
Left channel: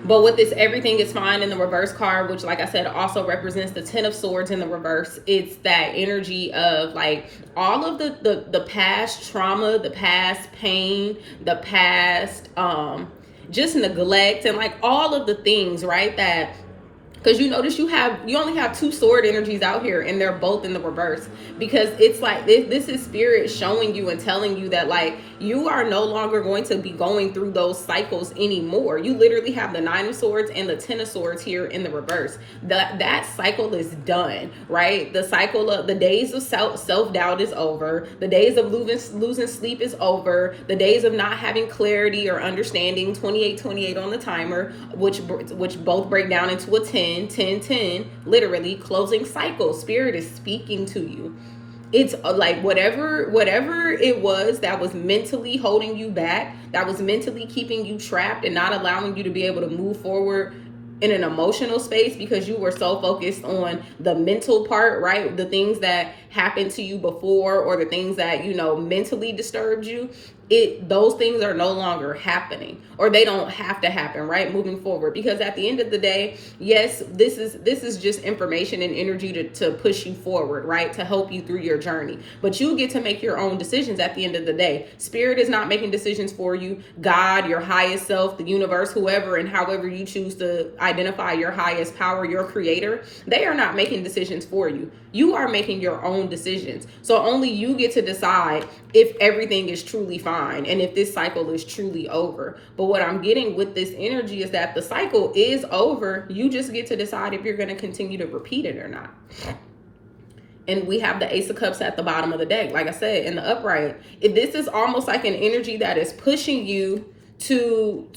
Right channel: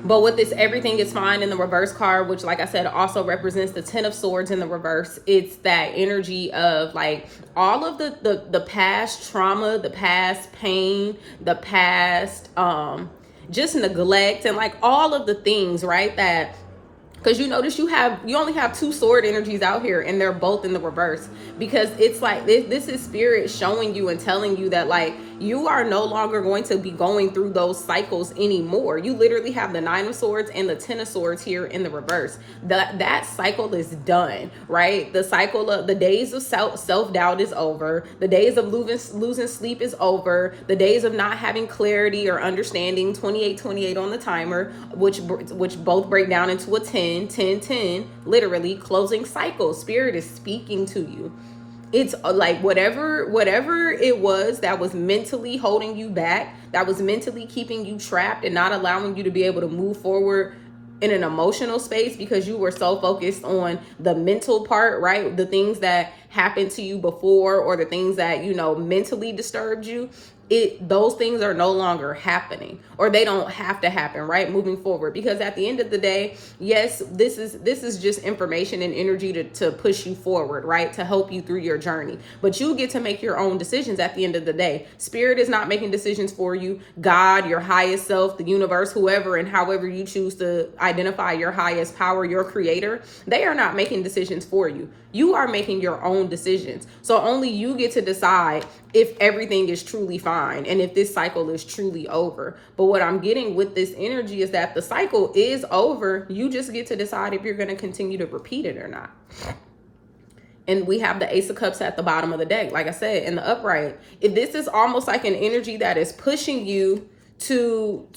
But with this, everything is fine in the reverse card, which, like I said, also represents the Ten of Swords in the reverse. It's that energy of, like, all of the past trauma, the past pain, the past just neglect, and, like, all of the things, right, that, because you notice you only have two sword energies out here, and they're both in the reverse, because it's like this is spirit showing you and telling you that, like, you are no longer going to be going through those cycles anymore. You literally have the Nine of Swords and the Ten of Swords here in the reverse. That cycle is done, right? The cycle of the days of self-doubt is over. The days of losing sleep is over. The days of not having clarity or understanding, 28 on the timer, which both break down into a 10, literally closing cycle. Spirit is speaking to you. It's like whatever it was that was mentally holding you back, that was mentally keeping you trapped and not allowing you to be able to move forward in an emotional space, because you were so focused on the mental part, right? The things that happened to you before, or the things that, mentally disturbed you. Those things are no longer happening, or they don't have to happen, right? Moving forward, because at the end of the day, yes, this is just information and energy to push you forward, right? To help you through your journey, but you get to make your own decisions at the end of the day. Spirit is not making decisions for you. God, your highest self, the universe, whoever and however you choose to identify your highest power, your creator, they are not making decisions for you. You are making your own own decisions. So only you get to decide if everything is truly fine and if this cycle is truly over. But what I'm getting with this energy is that the cycle is over. You just get to decide if you're going to continue to repeat it or not. And we have the Ace of Cups at the bottom of the deck. Like I said, in the upright, this is almost like an energy that is pushing you to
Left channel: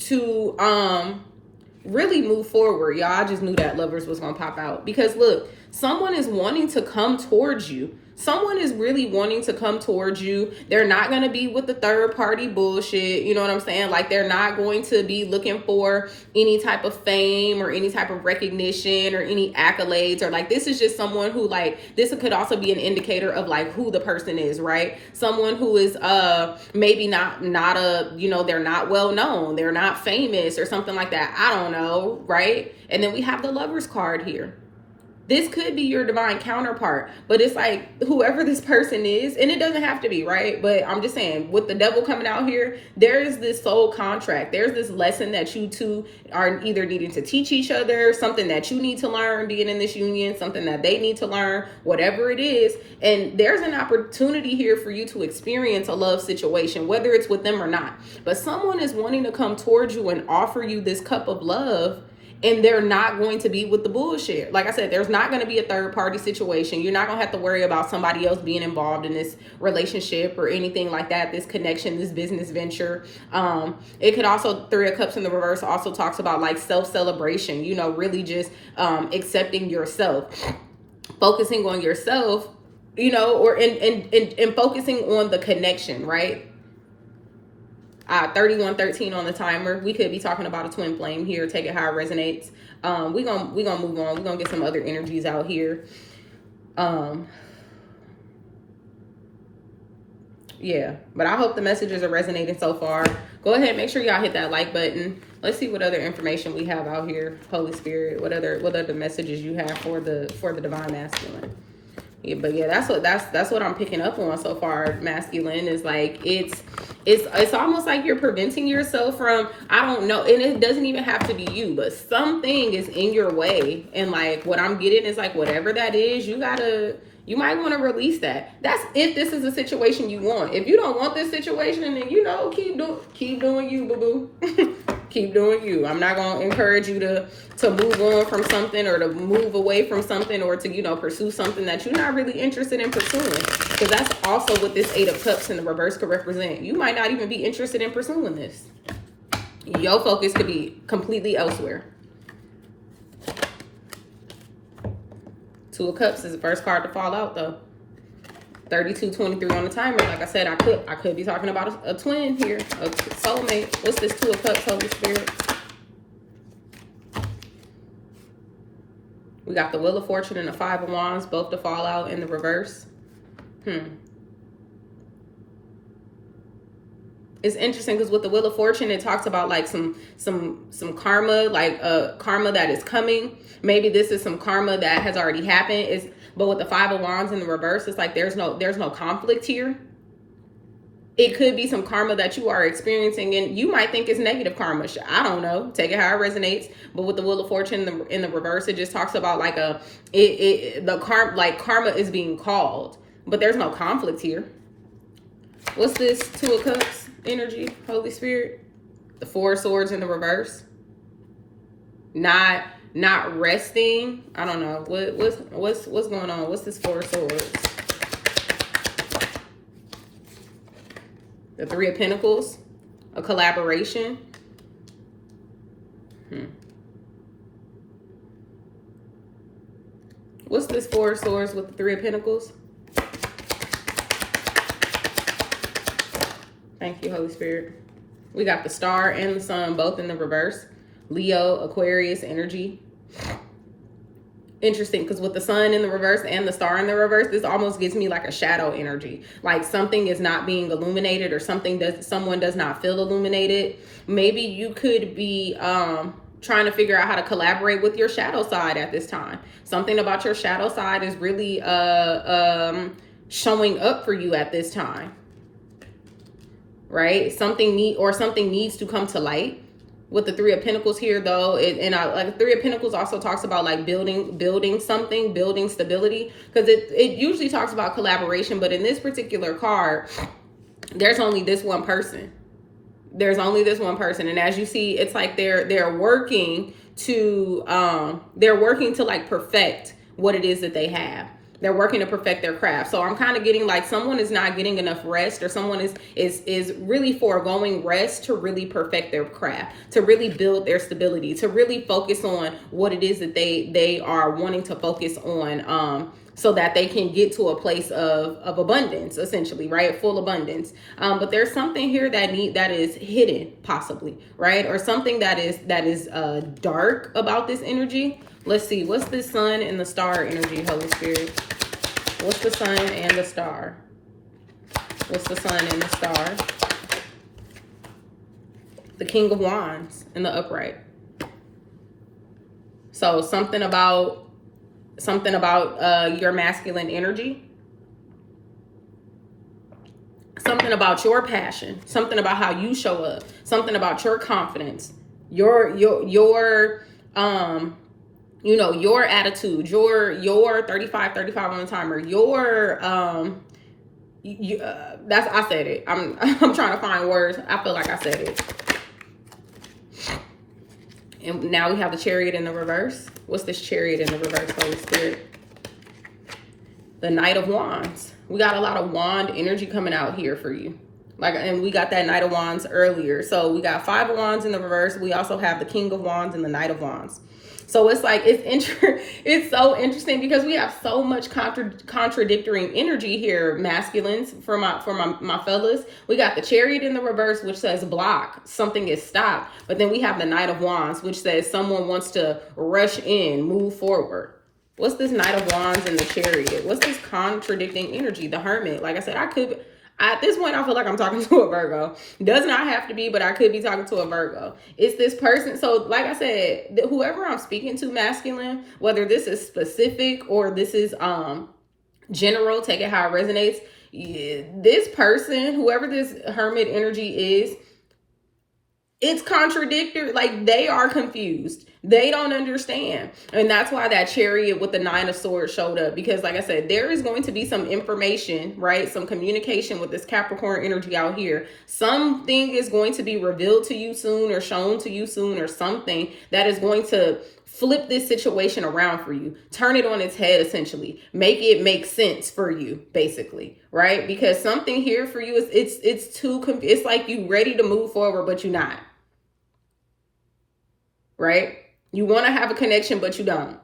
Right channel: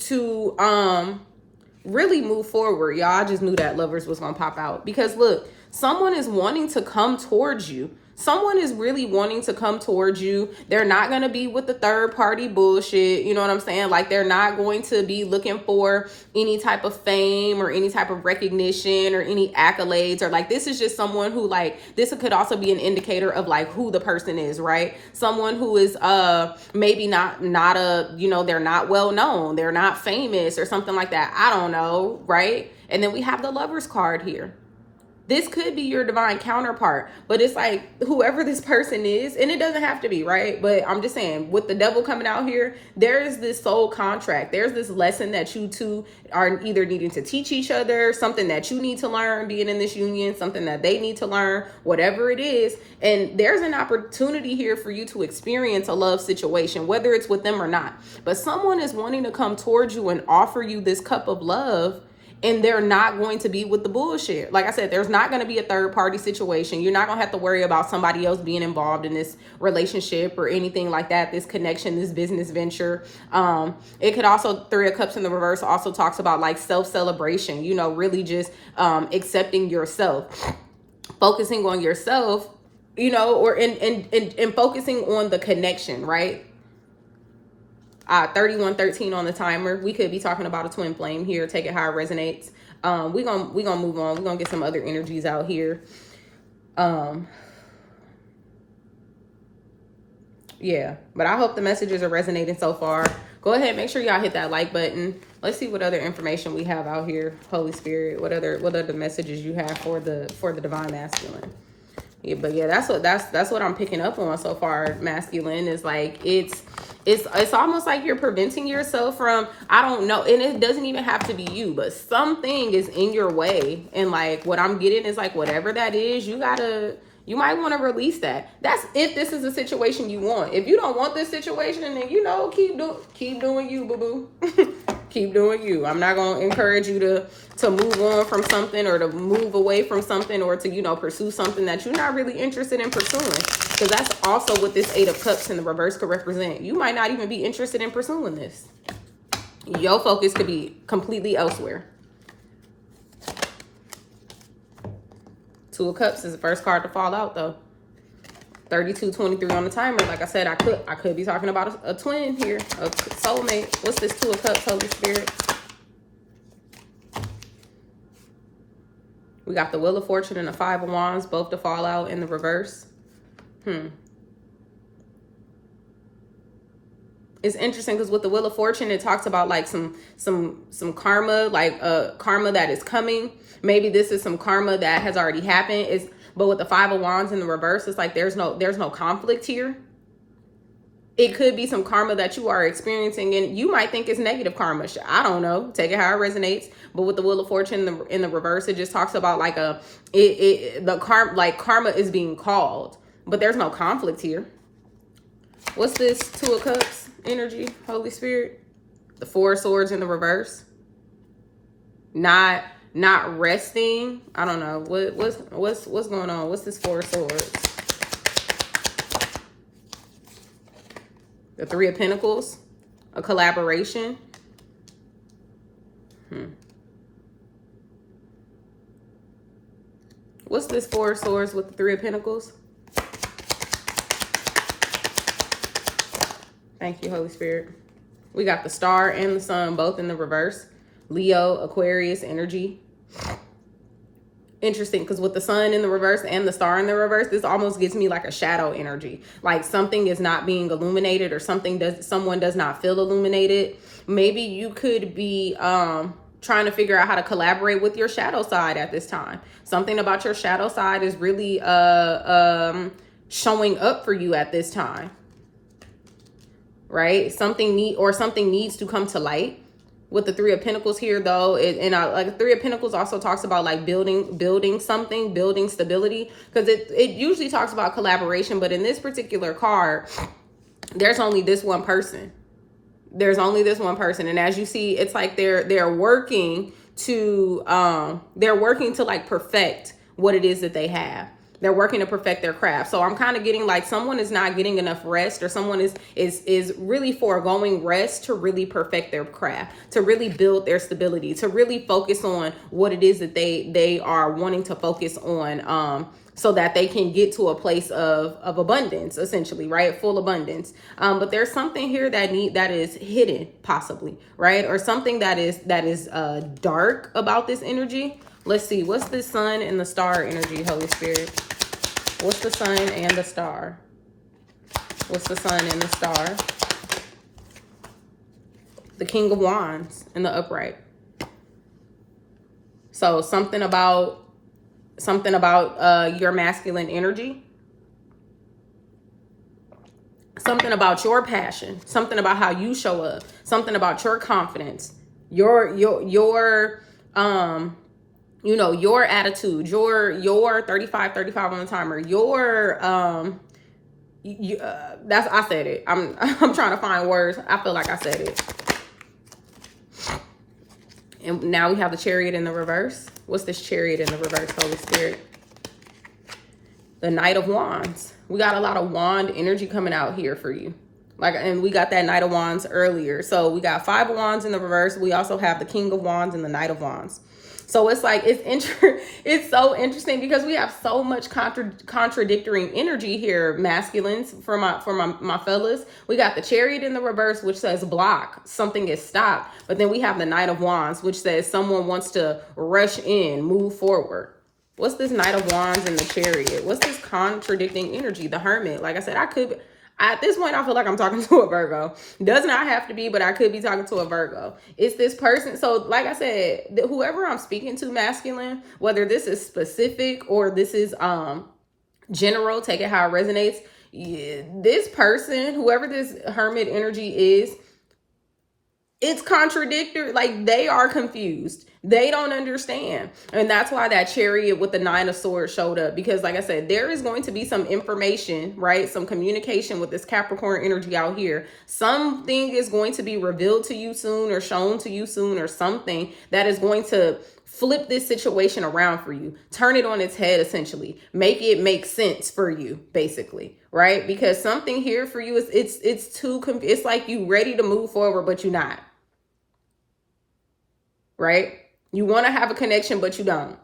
really move forward. Y'all, I just knew that Lovers was going to pop out. Because look, someone is wanting to come towards you. Someone is really wanting to come towards you. They're not going to be with the third party bullshit. You know what I'm saying? Like, they're not going to be looking for any type of fame or any type of recognition or any accolades, or like, this is just someone who, like, this could also be an indicator of like who the person is, right? Someone who is maybe not a, you know, they're not well known, they're not famous or something like that. I don't know, right? And then we have the Lovers card here. This could be your divine counterpart, but it's like whoever this person is, and it doesn't have to be, right? But I'm just saying, with the Devil coming out here, there is this soul contract. There's this lesson that you two are either needing to teach each other, something that you need to learn being in this union, something that they need to learn, whatever it is. And there's an opportunity here for you to experience a love situation, whether it's with them or not. But someone is wanting to come towards you and offer you this cup of love. And they're not going to be with the bullshit. Like I said, there's not going to be a third party situation. You're not going to have to worry about somebody else being involved in this relationship or anything like that, this connection, this business venture. It could also, Three of Cups in the reverse also talks about like self-celebration, you know, really just accepting yourself, focusing on yourself, you know, or and focusing on the connection, right? 3113 on the timer. We could be talking about a twin flame here. Take it how it resonates. We gonna move on. We're gonna get some other energies out here. Yeah, but I hope the messages are resonating so far. Go ahead, make sure y'all hit that like button. Let's see what other information we have out here. Holy Spirit, what other messages you have for the Divine Masculine? Yeah, but yeah, that's what I'm picking up on so far. Masculine is like it's almost like you're preventing yourself from, I don't know, and it doesn't even have to be you, but something is in your way, and like what I'm getting is like whatever that is, you might want to release that. That's if this is a situation you want. If you don't want this situation, then you know, keep doing you, boo boo. Keep doing you. I'm not going to encourage you to move on from something or to move away from something or to, you know, pursue something that you're not really interested in pursuing. Because that's also what this Eight of Cups in the reverse could represent. You might not even be interested in pursuing this. Your focus could be completely elsewhere. Two of Cups is the first card to fall out, though. 3223 on the timer. Like I said, I could be talking about a twin here, a soulmate. What's this Two of Cups, Holy Spirit? We got the Wheel of Fortune and the Five of Wands, both to fall out in the reverse. It's interesting because with the Wheel of Fortune, it talks about like some karma, like karma that is coming. Maybe this is some karma that has already happened. But with the Five of Wands in the reverse, it's like there's no conflict here. It could be some karma that you are experiencing, and you might think it's negative karma. I don't know. Take it how it resonates. But with the Wheel of Fortune in the reverse, it just talks about like karma is being called, but there's no conflict here. What's this Two of Cups energy, Holy Spirit? The Four of Swords in the reverse. Not resting. I don't know. What's going on? What's this Four of Swords? The Three of Pentacles. A collaboration. What's this Four of Swords with the Three of Pentacles? Thank you, Holy Spirit. We got the Star and the Sun both in the reverse. Leo, Aquarius energy. Interesting, because with the Sun in the reverse and the Star in the reverse, this almost gives me like a shadow energy. Like something is not being illuminated, or someone does not feel illuminated. Maybe you could be trying to figure out how to collaborate with your shadow side at this time. Something about your shadow side is really showing up for you at this time. Right? Something needs to come to light. with the Three of Pentacles here, though, like Three of Pentacles also talks about like building something, building stability, because it usually talks about collaboration, but in this particular card, there's only this one person. There's only this one person, and as you see, it's like they're working to like perfect what it is that they have. They're working to perfect their craft. So I'm kind of getting like someone is not getting enough rest, or someone is really foregoing rest to really perfect their craft, to really build their stability, to really focus on what it is that they are wanting to focus on, so that they can get to a place of abundance, essentially, right? Full abundance. But there's something here that is hidden, possibly, right? Or something that is dark about this energy. Let's see, what's the sun and the star energy, Holy Spirit? What's the sun and the star? What's the sun and the star? The King of Wands in the upright. So something about your masculine energy. Something about your passion. Something about how you show up. Something about your confidence. Your attitude, your 35 on the timer, I said it. I'm trying to find words. I feel like I said it. And now we have the Chariot in the reverse. What's this Chariot in the reverse, Holy Spirit? The Knight of Wands. We got a lot of wand energy coming out here for you. And we got that Knight of Wands earlier. So we got 5 of Wands in the reverse. We also have the King of Wands and the Knight of Wands. So it's like, it's so interesting because we have so much contradictory energy here, masculines, for my fellas. We got the Chariot in the reverse, which says block, something is stopped. But then we have the Knight of Wands, which says someone wants to rush in, move forward. What's this Knight of Wands and the Chariot? What's this contradicting energy? The Hermit. Like I said, at this point, I feel like I'm talking to a Virgo. Does not have to be, but I could be talking to a Virgo. It's this person. So like I said, whoever I'm speaking to, masculine, whether this is specific or this is general, take it how it resonates. This person, whoever this Hermit energy is, it's contradictory. Like, they are confused. They don't understand. And that's why that Chariot with the 9 of Swords showed up. Because like I said, there is going to be some information, right? Some communication with this Capricorn energy out here. Something is going to be revealed to you soon, or shown to you soon, or something that is going to flip this situation around for you. Turn it on its head, essentially. Make it make sense for you, basically, right? Because something here for you is it's like you ready to move forward, but you're not. Right? You want to have a connection, but you don't.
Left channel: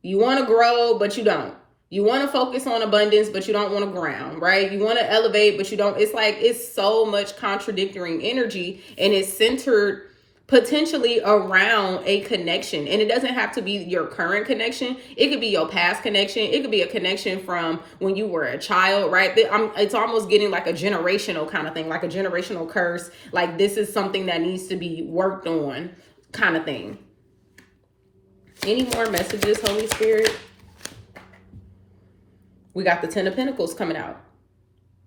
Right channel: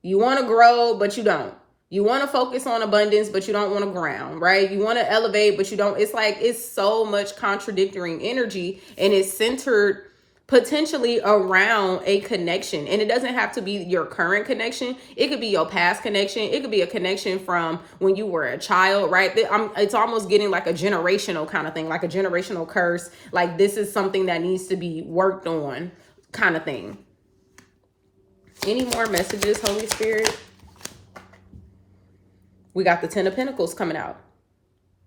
You want to grow, but you don't. You want to focus on abundance, but you don't want to ground, right? You want to elevate, but you don't. It's like, it's so much contradictory energy, and it's centered potentially around a connection. And it doesn't have to be your current connection. It could be your past connection. It could be a connection from when you were a child, right? It's almost getting like a generational kind of thing, like a generational curse. Like, this is something that needs to be worked on, kind of thing. Any more messages, Holy Spirit? We got the 10 of Pentacles coming out.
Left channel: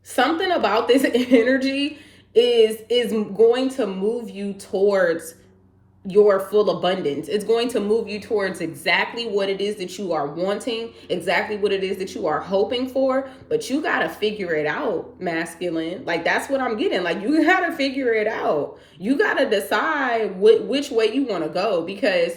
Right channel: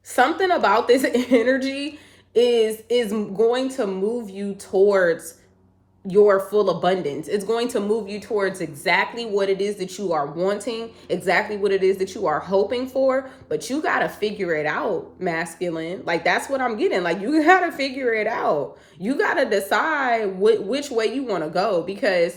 Something about this energy is going to move you towards your full abundance. It's going to move you towards exactly what it is that you are wanting, exactly what it is that you are hoping for, but you got to figure it out, masculine. Like, that's what I'm getting. Like, you got to figure it out. You got to decide which way you want to go, because,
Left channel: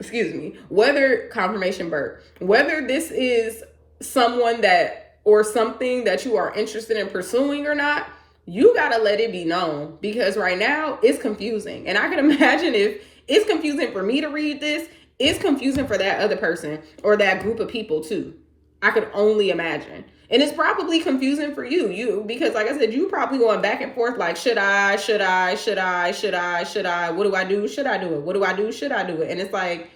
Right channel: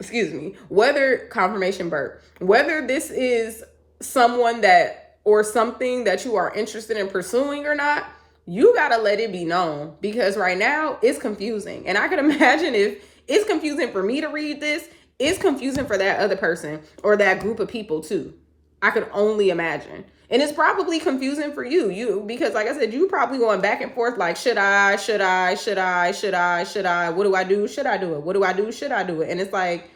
excuse me, whether confirmation birth, whether this is someone that, or something that you are interested in pursuing or not, you got to let it be known, because right now it's confusing. And I can imagine if it's confusing for me to read this, it's confusing for that other person or that group of people too. I could only imagine. And it's probably confusing for you, because like I said, you probably going back and forth like, should I, what do I do? Should I do it? What do I do? Should I do it? And it's like,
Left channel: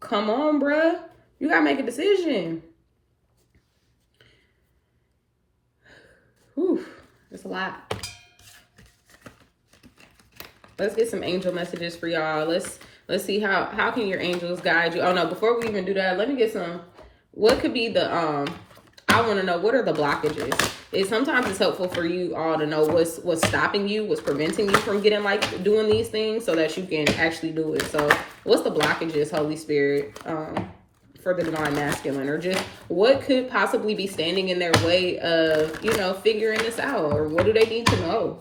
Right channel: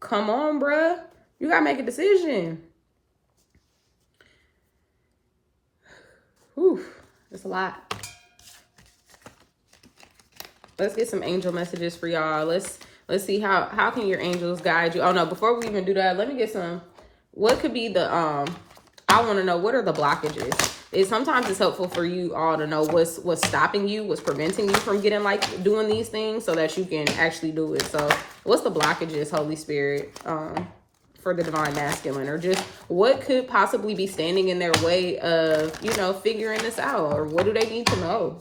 come on, bruh. You got to make a decision. Whew. It's a lot. Let's get some angel messages for y'all. Let's see how can your angels guide you. Oh no, before we even do that, let me get some. What could be the I want to know, what are the blockages? Sometimes it's helpful for you all to know what's stopping you, what's preventing you from getting like doing these things, so that you can actually do it. So what's the blockages, Holy Spirit, for the divine masculine, or just what could possibly be standing in their way of, figuring this out, or what do they need to know?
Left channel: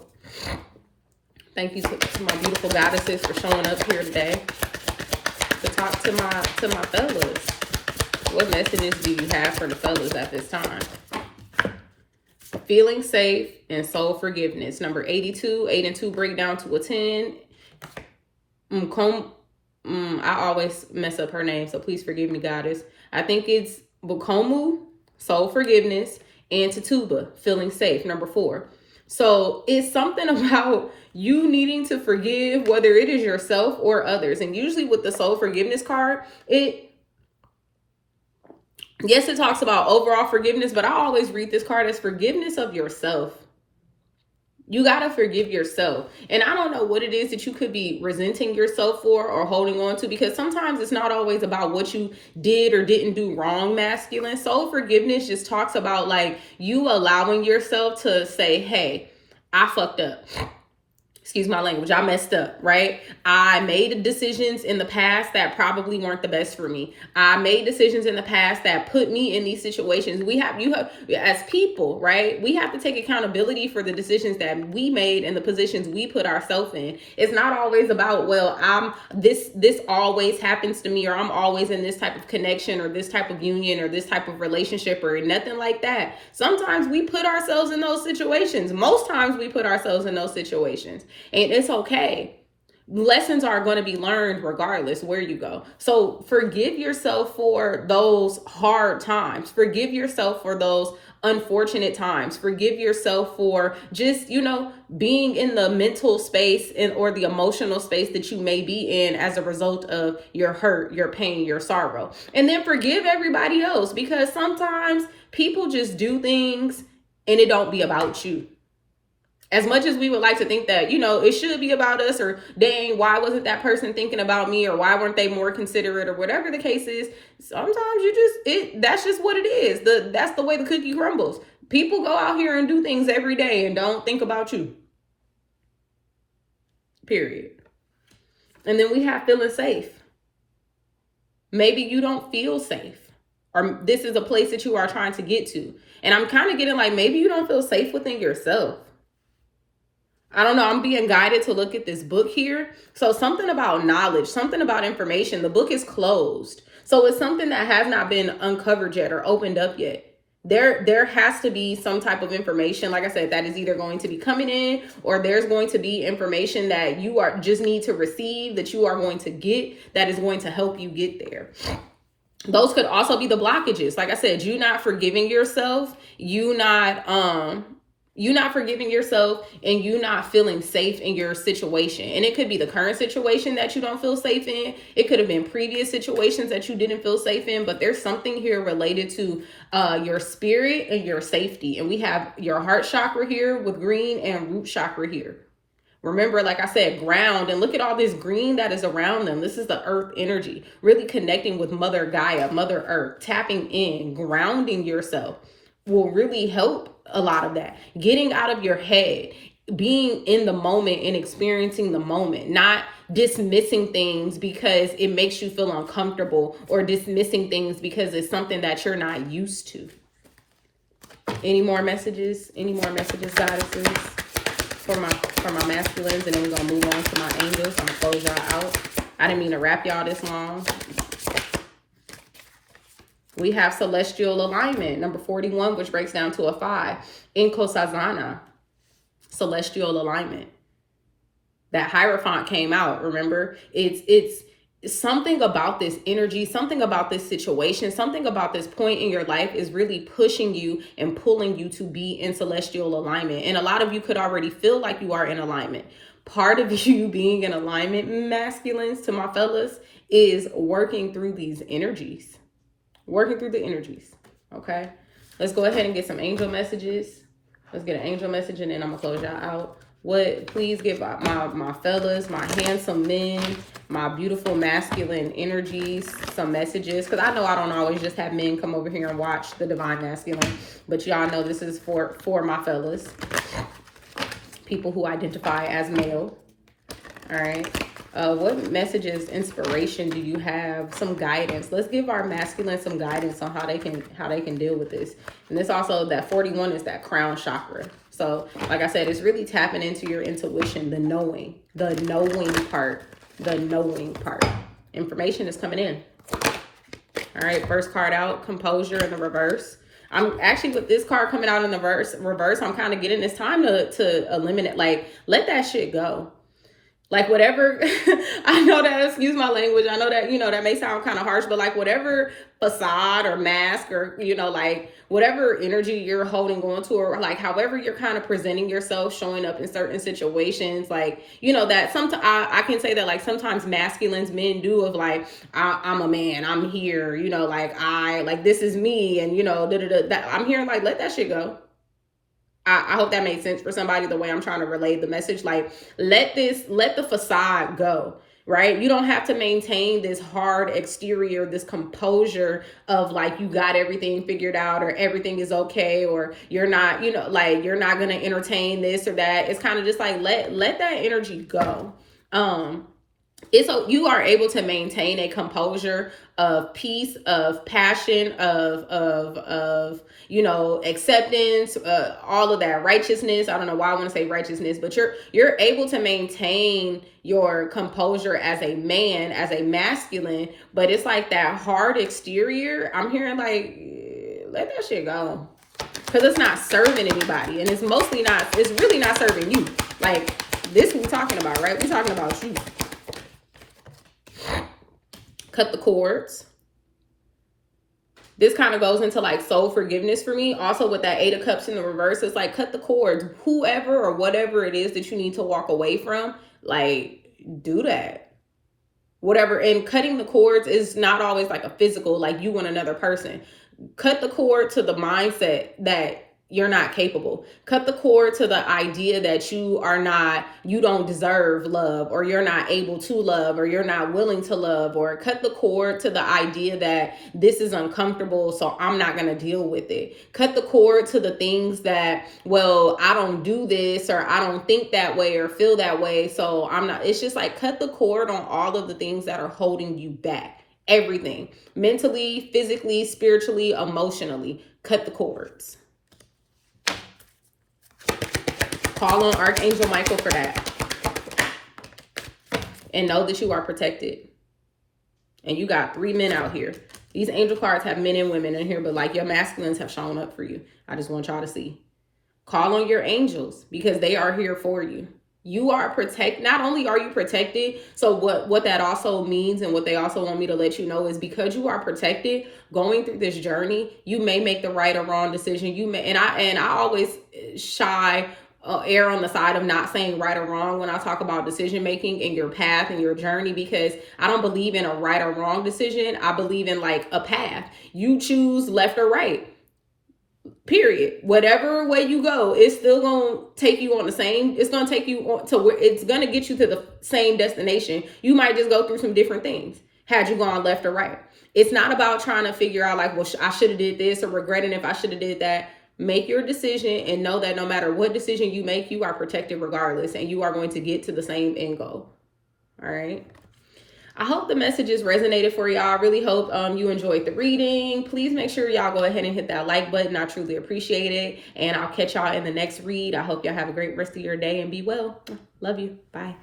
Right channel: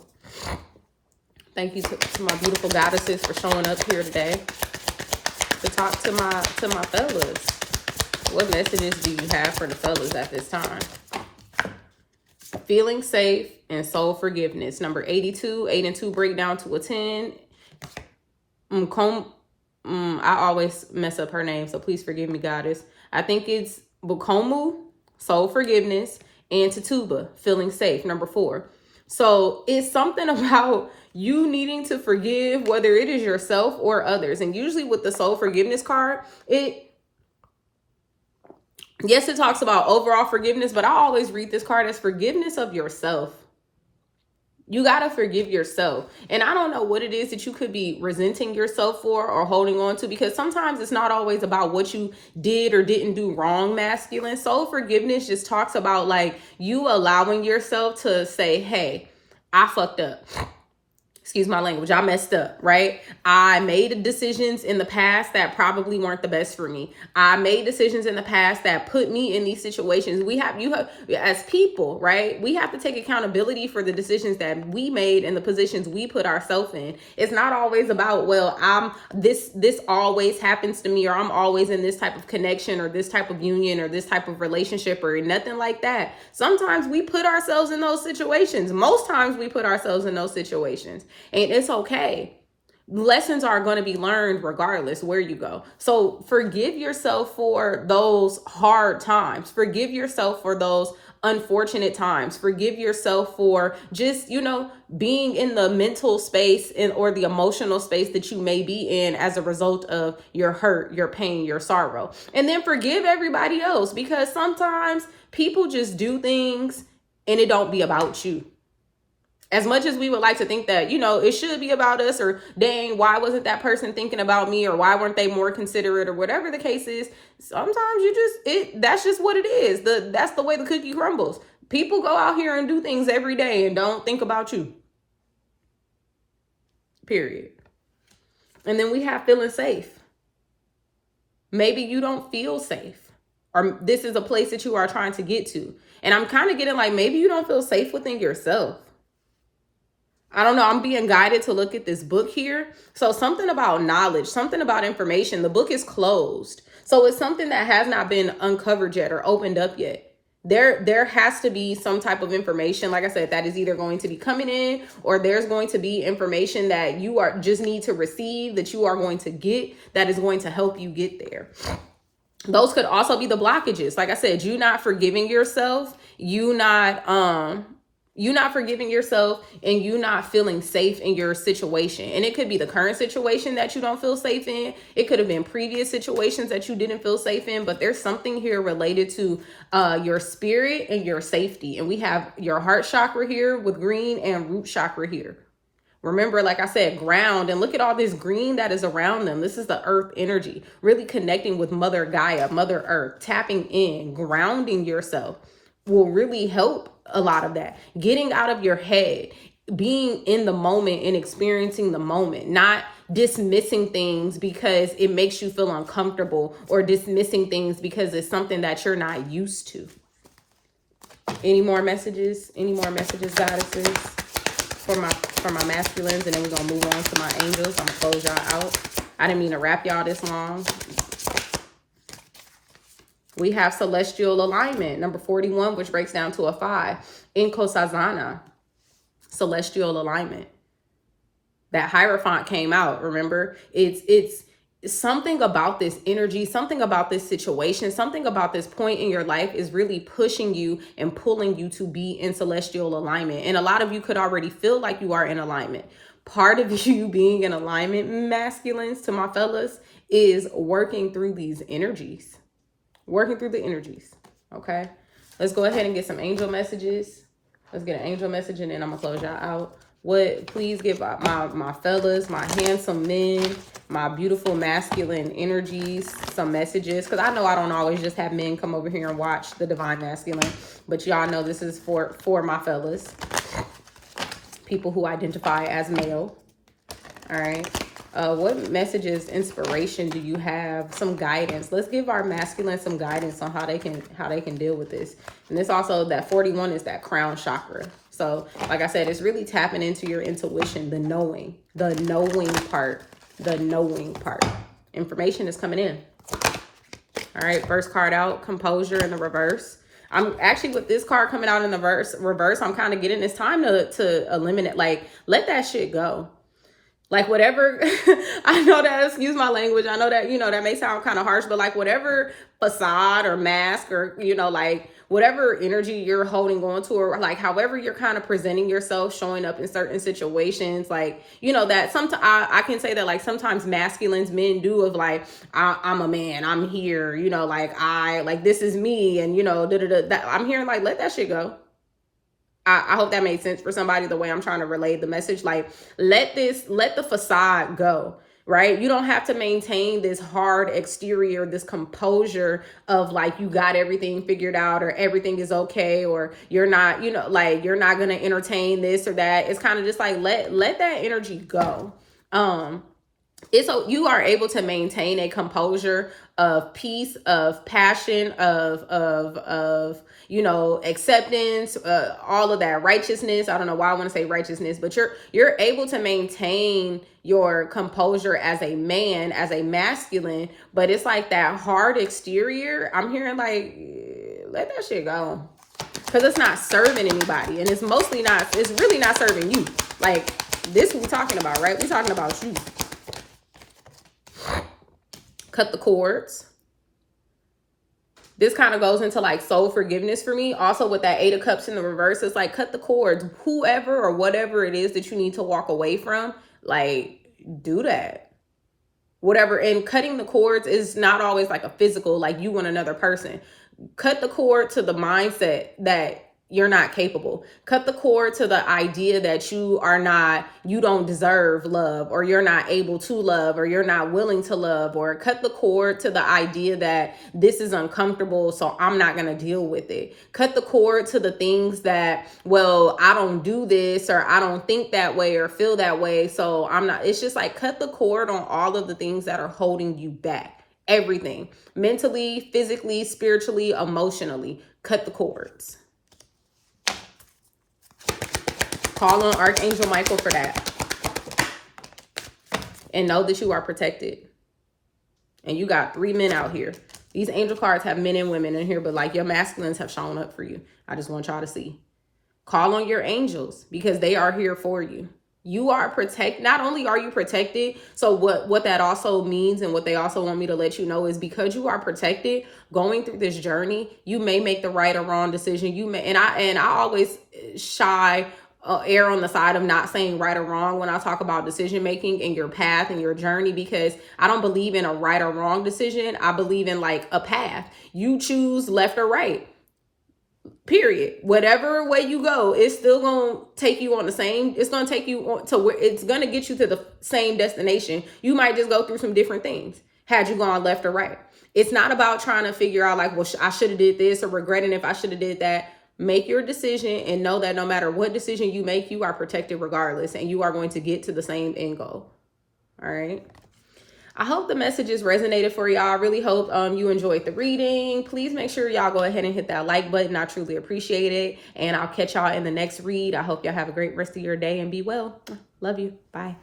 Thank you to my beautiful goddesses for showing up here today to talk to my fellas. What messages do you have for the fellas at this time? Feeling safe and soul forgiveness. Number 82, 8 and 2 break down to a 10. I always mess up her name, so please forgive me, goddess. I think it's Bukomu, soul forgiveness, and Tatuba, feeling safe, number 4. So it's something about you needing to forgive, whether it is yourself or others. And usually with the soul forgiveness card, it talks about overall forgiveness, but I always read this card as forgiveness of yourself. You got to forgive yourself. And I don't know what it is that you could be resenting yourself for or holding on to, because sometimes it's not always about what you did or didn't do wrong, masculine. Soul forgiveness just talks about like you allowing yourself to say, hey, I fucked up. Excuse my language. I messed up, right? I made decisions in the past that probably weren't the best for me. I made decisions in the past that put me in these situations. As people, right? We have to take accountability for the decisions that we made and the positions we put ourselves in. It's not always about, well, this always happens to me, or I'm always in this type of connection or this type of union or this type of relationship, or nothing like that. Sometimes we put ourselves in those situations. Most times we put ourselves in those situations. And it's okay. Lessons are going to be learned regardless where you go. So forgive yourself for those hard times. Forgive yourself for those unfortunate times. Forgive yourself for just, being in the mental space or the emotional space that you may be in as a result of your hurt, your pain, your sorrow. And then forgive everybody else, because sometimes people just do things and it don't be about you. As much as we would like to think that, it should be about us, or dang, why wasn't that person thinking about me, or why weren't they more considerate, or whatever the case is, sometimes that's just what it is. That's the way the cookie crumbles. People go out here and do things every day and don't think about you. Period. And then we have feeling safe. Maybe you don't feel safe, or this is a place that you are trying to get to. And I'm kind of getting like, maybe you don't feel safe within yourself. I don't know. I'm being guided to look at this book here. So something about knowledge, something about information. The book is closed. So it's something that has not been uncovered yet or opened up yet. There has to be some type of information, like I said, that is either going to be coming in, or there's going to be information that you just need to receive, that you are going to get, that is going to help you get there. Those could also be the blockages. Like I said, you not forgiving yourself, you not forgiving yourself, and you not feeling safe in your situation. And it could be the current situation that you don't feel safe in. It could have been previous situations that you didn't feel safe in, but there's something here related to your spirit and your safety. And we have your heart chakra here with green and root chakra here. Remember, like I said, ground, and look at all this green that is around them. This is the earth energy, really connecting with Mother Gaia, Mother Earth, tapping in, grounding yourself will really help a lot of that. Getting out of your head, being in the moment and experiencing the moment, not dismissing things because it makes you feel uncomfortable, or dismissing things because it's something that you're not used to. Any more messages, goddesses, for my masculines, and then we're gonna move on to my angels. I'm gonna close y'all out. I didn't mean to wrap y'all this long. We have celestial alignment, number 41, which breaks down to a 5. Inkosazana, celestial alignment. That Hierophant came out, remember? It's something about this energy, something about this situation, something about this point in your life is really pushing you and pulling you to be in celestial alignment. And a lot of you could already feel like you are in alignment. Part of you being in alignment, masculines, to my fellas, is working through these energies. Working through the energies. Okay. Let's go ahead and get some angel messages. Let's get an angel message, and then I'm going to close y'all out Please give my fellas, my handsome men, my beautiful masculine energies some messages, because I know I don't always just have men come over here and watch the Divine Masculine, but y'all know this is for my fellas, people who identify as male. All right. What messages, inspiration do you have? Some guidance. Let's give our masculine some guidance on how they can deal with this. And this also, that 41 is that crown chakra. So like I said, it's really tapping into your intuition, the knowing part. Information is coming in. All right, first card out, composure in the reverse. I'm actually, with this card coming out in the reverse, I'm kind of getting this time to eliminate, like, let that shit go. Like, whatever, I know that, excuse my language, I know that, that may sound kind of harsh, but like whatever facade or mask or, like whatever energy you're holding on to, or like however you're kind of presenting yourself, showing up in certain situations, like, that sometimes I can say that, like, sometimes masculines, men do, of like, I'm a man, I'm here, like this is me, and, I'm hearing, like, let that shit go. I hope that made sense for somebody, the way I'm trying to relay the message. Like, let the facade go, right? You don't have to maintain this hard exterior, this composure of like, you got everything figured out, or everything is okay, or you're not, like, you're not going to entertain this or that. It's kind of just like, let that energy go. You are able to maintain a composure of peace, of passion, of acceptance, all of that, righteousness. I don't know why I want to say righteousness, but you're able to maintain your composure as a man, as a masculine, but it's like that hard exterior. I'm hearing, like, let that shit go, because it's not serving anybody, and it's really not serving you. Like, this we're talking about, right? We're talking about you. Cut the cords. This kind of goes into like soul forgiveness for me. Also, with that 8 of Cups in the reverse, it's like, cut the cords. Whoever or whatever it is that you need to walk away from, like, do that. Whatever. And cutting the cords is not always like a physical, like you want another person. Cut the cord to the mindset that you're not capable. Cut the cord to the idea that you don't deserve love, or you're not able to love, or you're not willing to love, or cut the cord to the idea that this is uncomfortable, so I'm not going to deal with it. Cut the cord to the things that, well, I don't do this, or I don't think that way or feel that way, so I'm not. It's just like, cut the cord on all of the things that are holding you back. Everything. Mentally, physically, spiritually, emotionally. Cut the cords. Call on Archangel Michael for that. And know that you are protected. And you got 3 men out here. These angel cards have men and women in here, but like, your masculines have shown up for you. I just want y'all to see. Call on your angels, because they are here for you. You are protected. Not only are you protected, so what that also means, and what they also want me to let you know, is because you are protected going through this journey, you may make the right or wrong decision. You may, and I always err on the side of not saying right or wrong when I talk about decision making and your path and your journey, because I don't believe in a right or wrong decision. I believe in like a path. You choose left or right. Period. Whatever way you go, it's still going to take you on the same, it's going to take you to where it's going to get you to the same destination. You might just go through some different things had you gone left or right. It's not about trying to figure out like, well, I should have did this, or regretting if I should have did that. Make your decision and know that no matter what decision you make, you are protected regardless, and you are going to get to the same end goal. All right. I hope the messages resonated for y'all. I really hope you enjoyed the reading. Please make sure y'all go ahead and hit that like button. I truly appreciate it. And I'll catch y'all in the next read. I hope y'all have a great rest of your day and be well. Love you. Bye.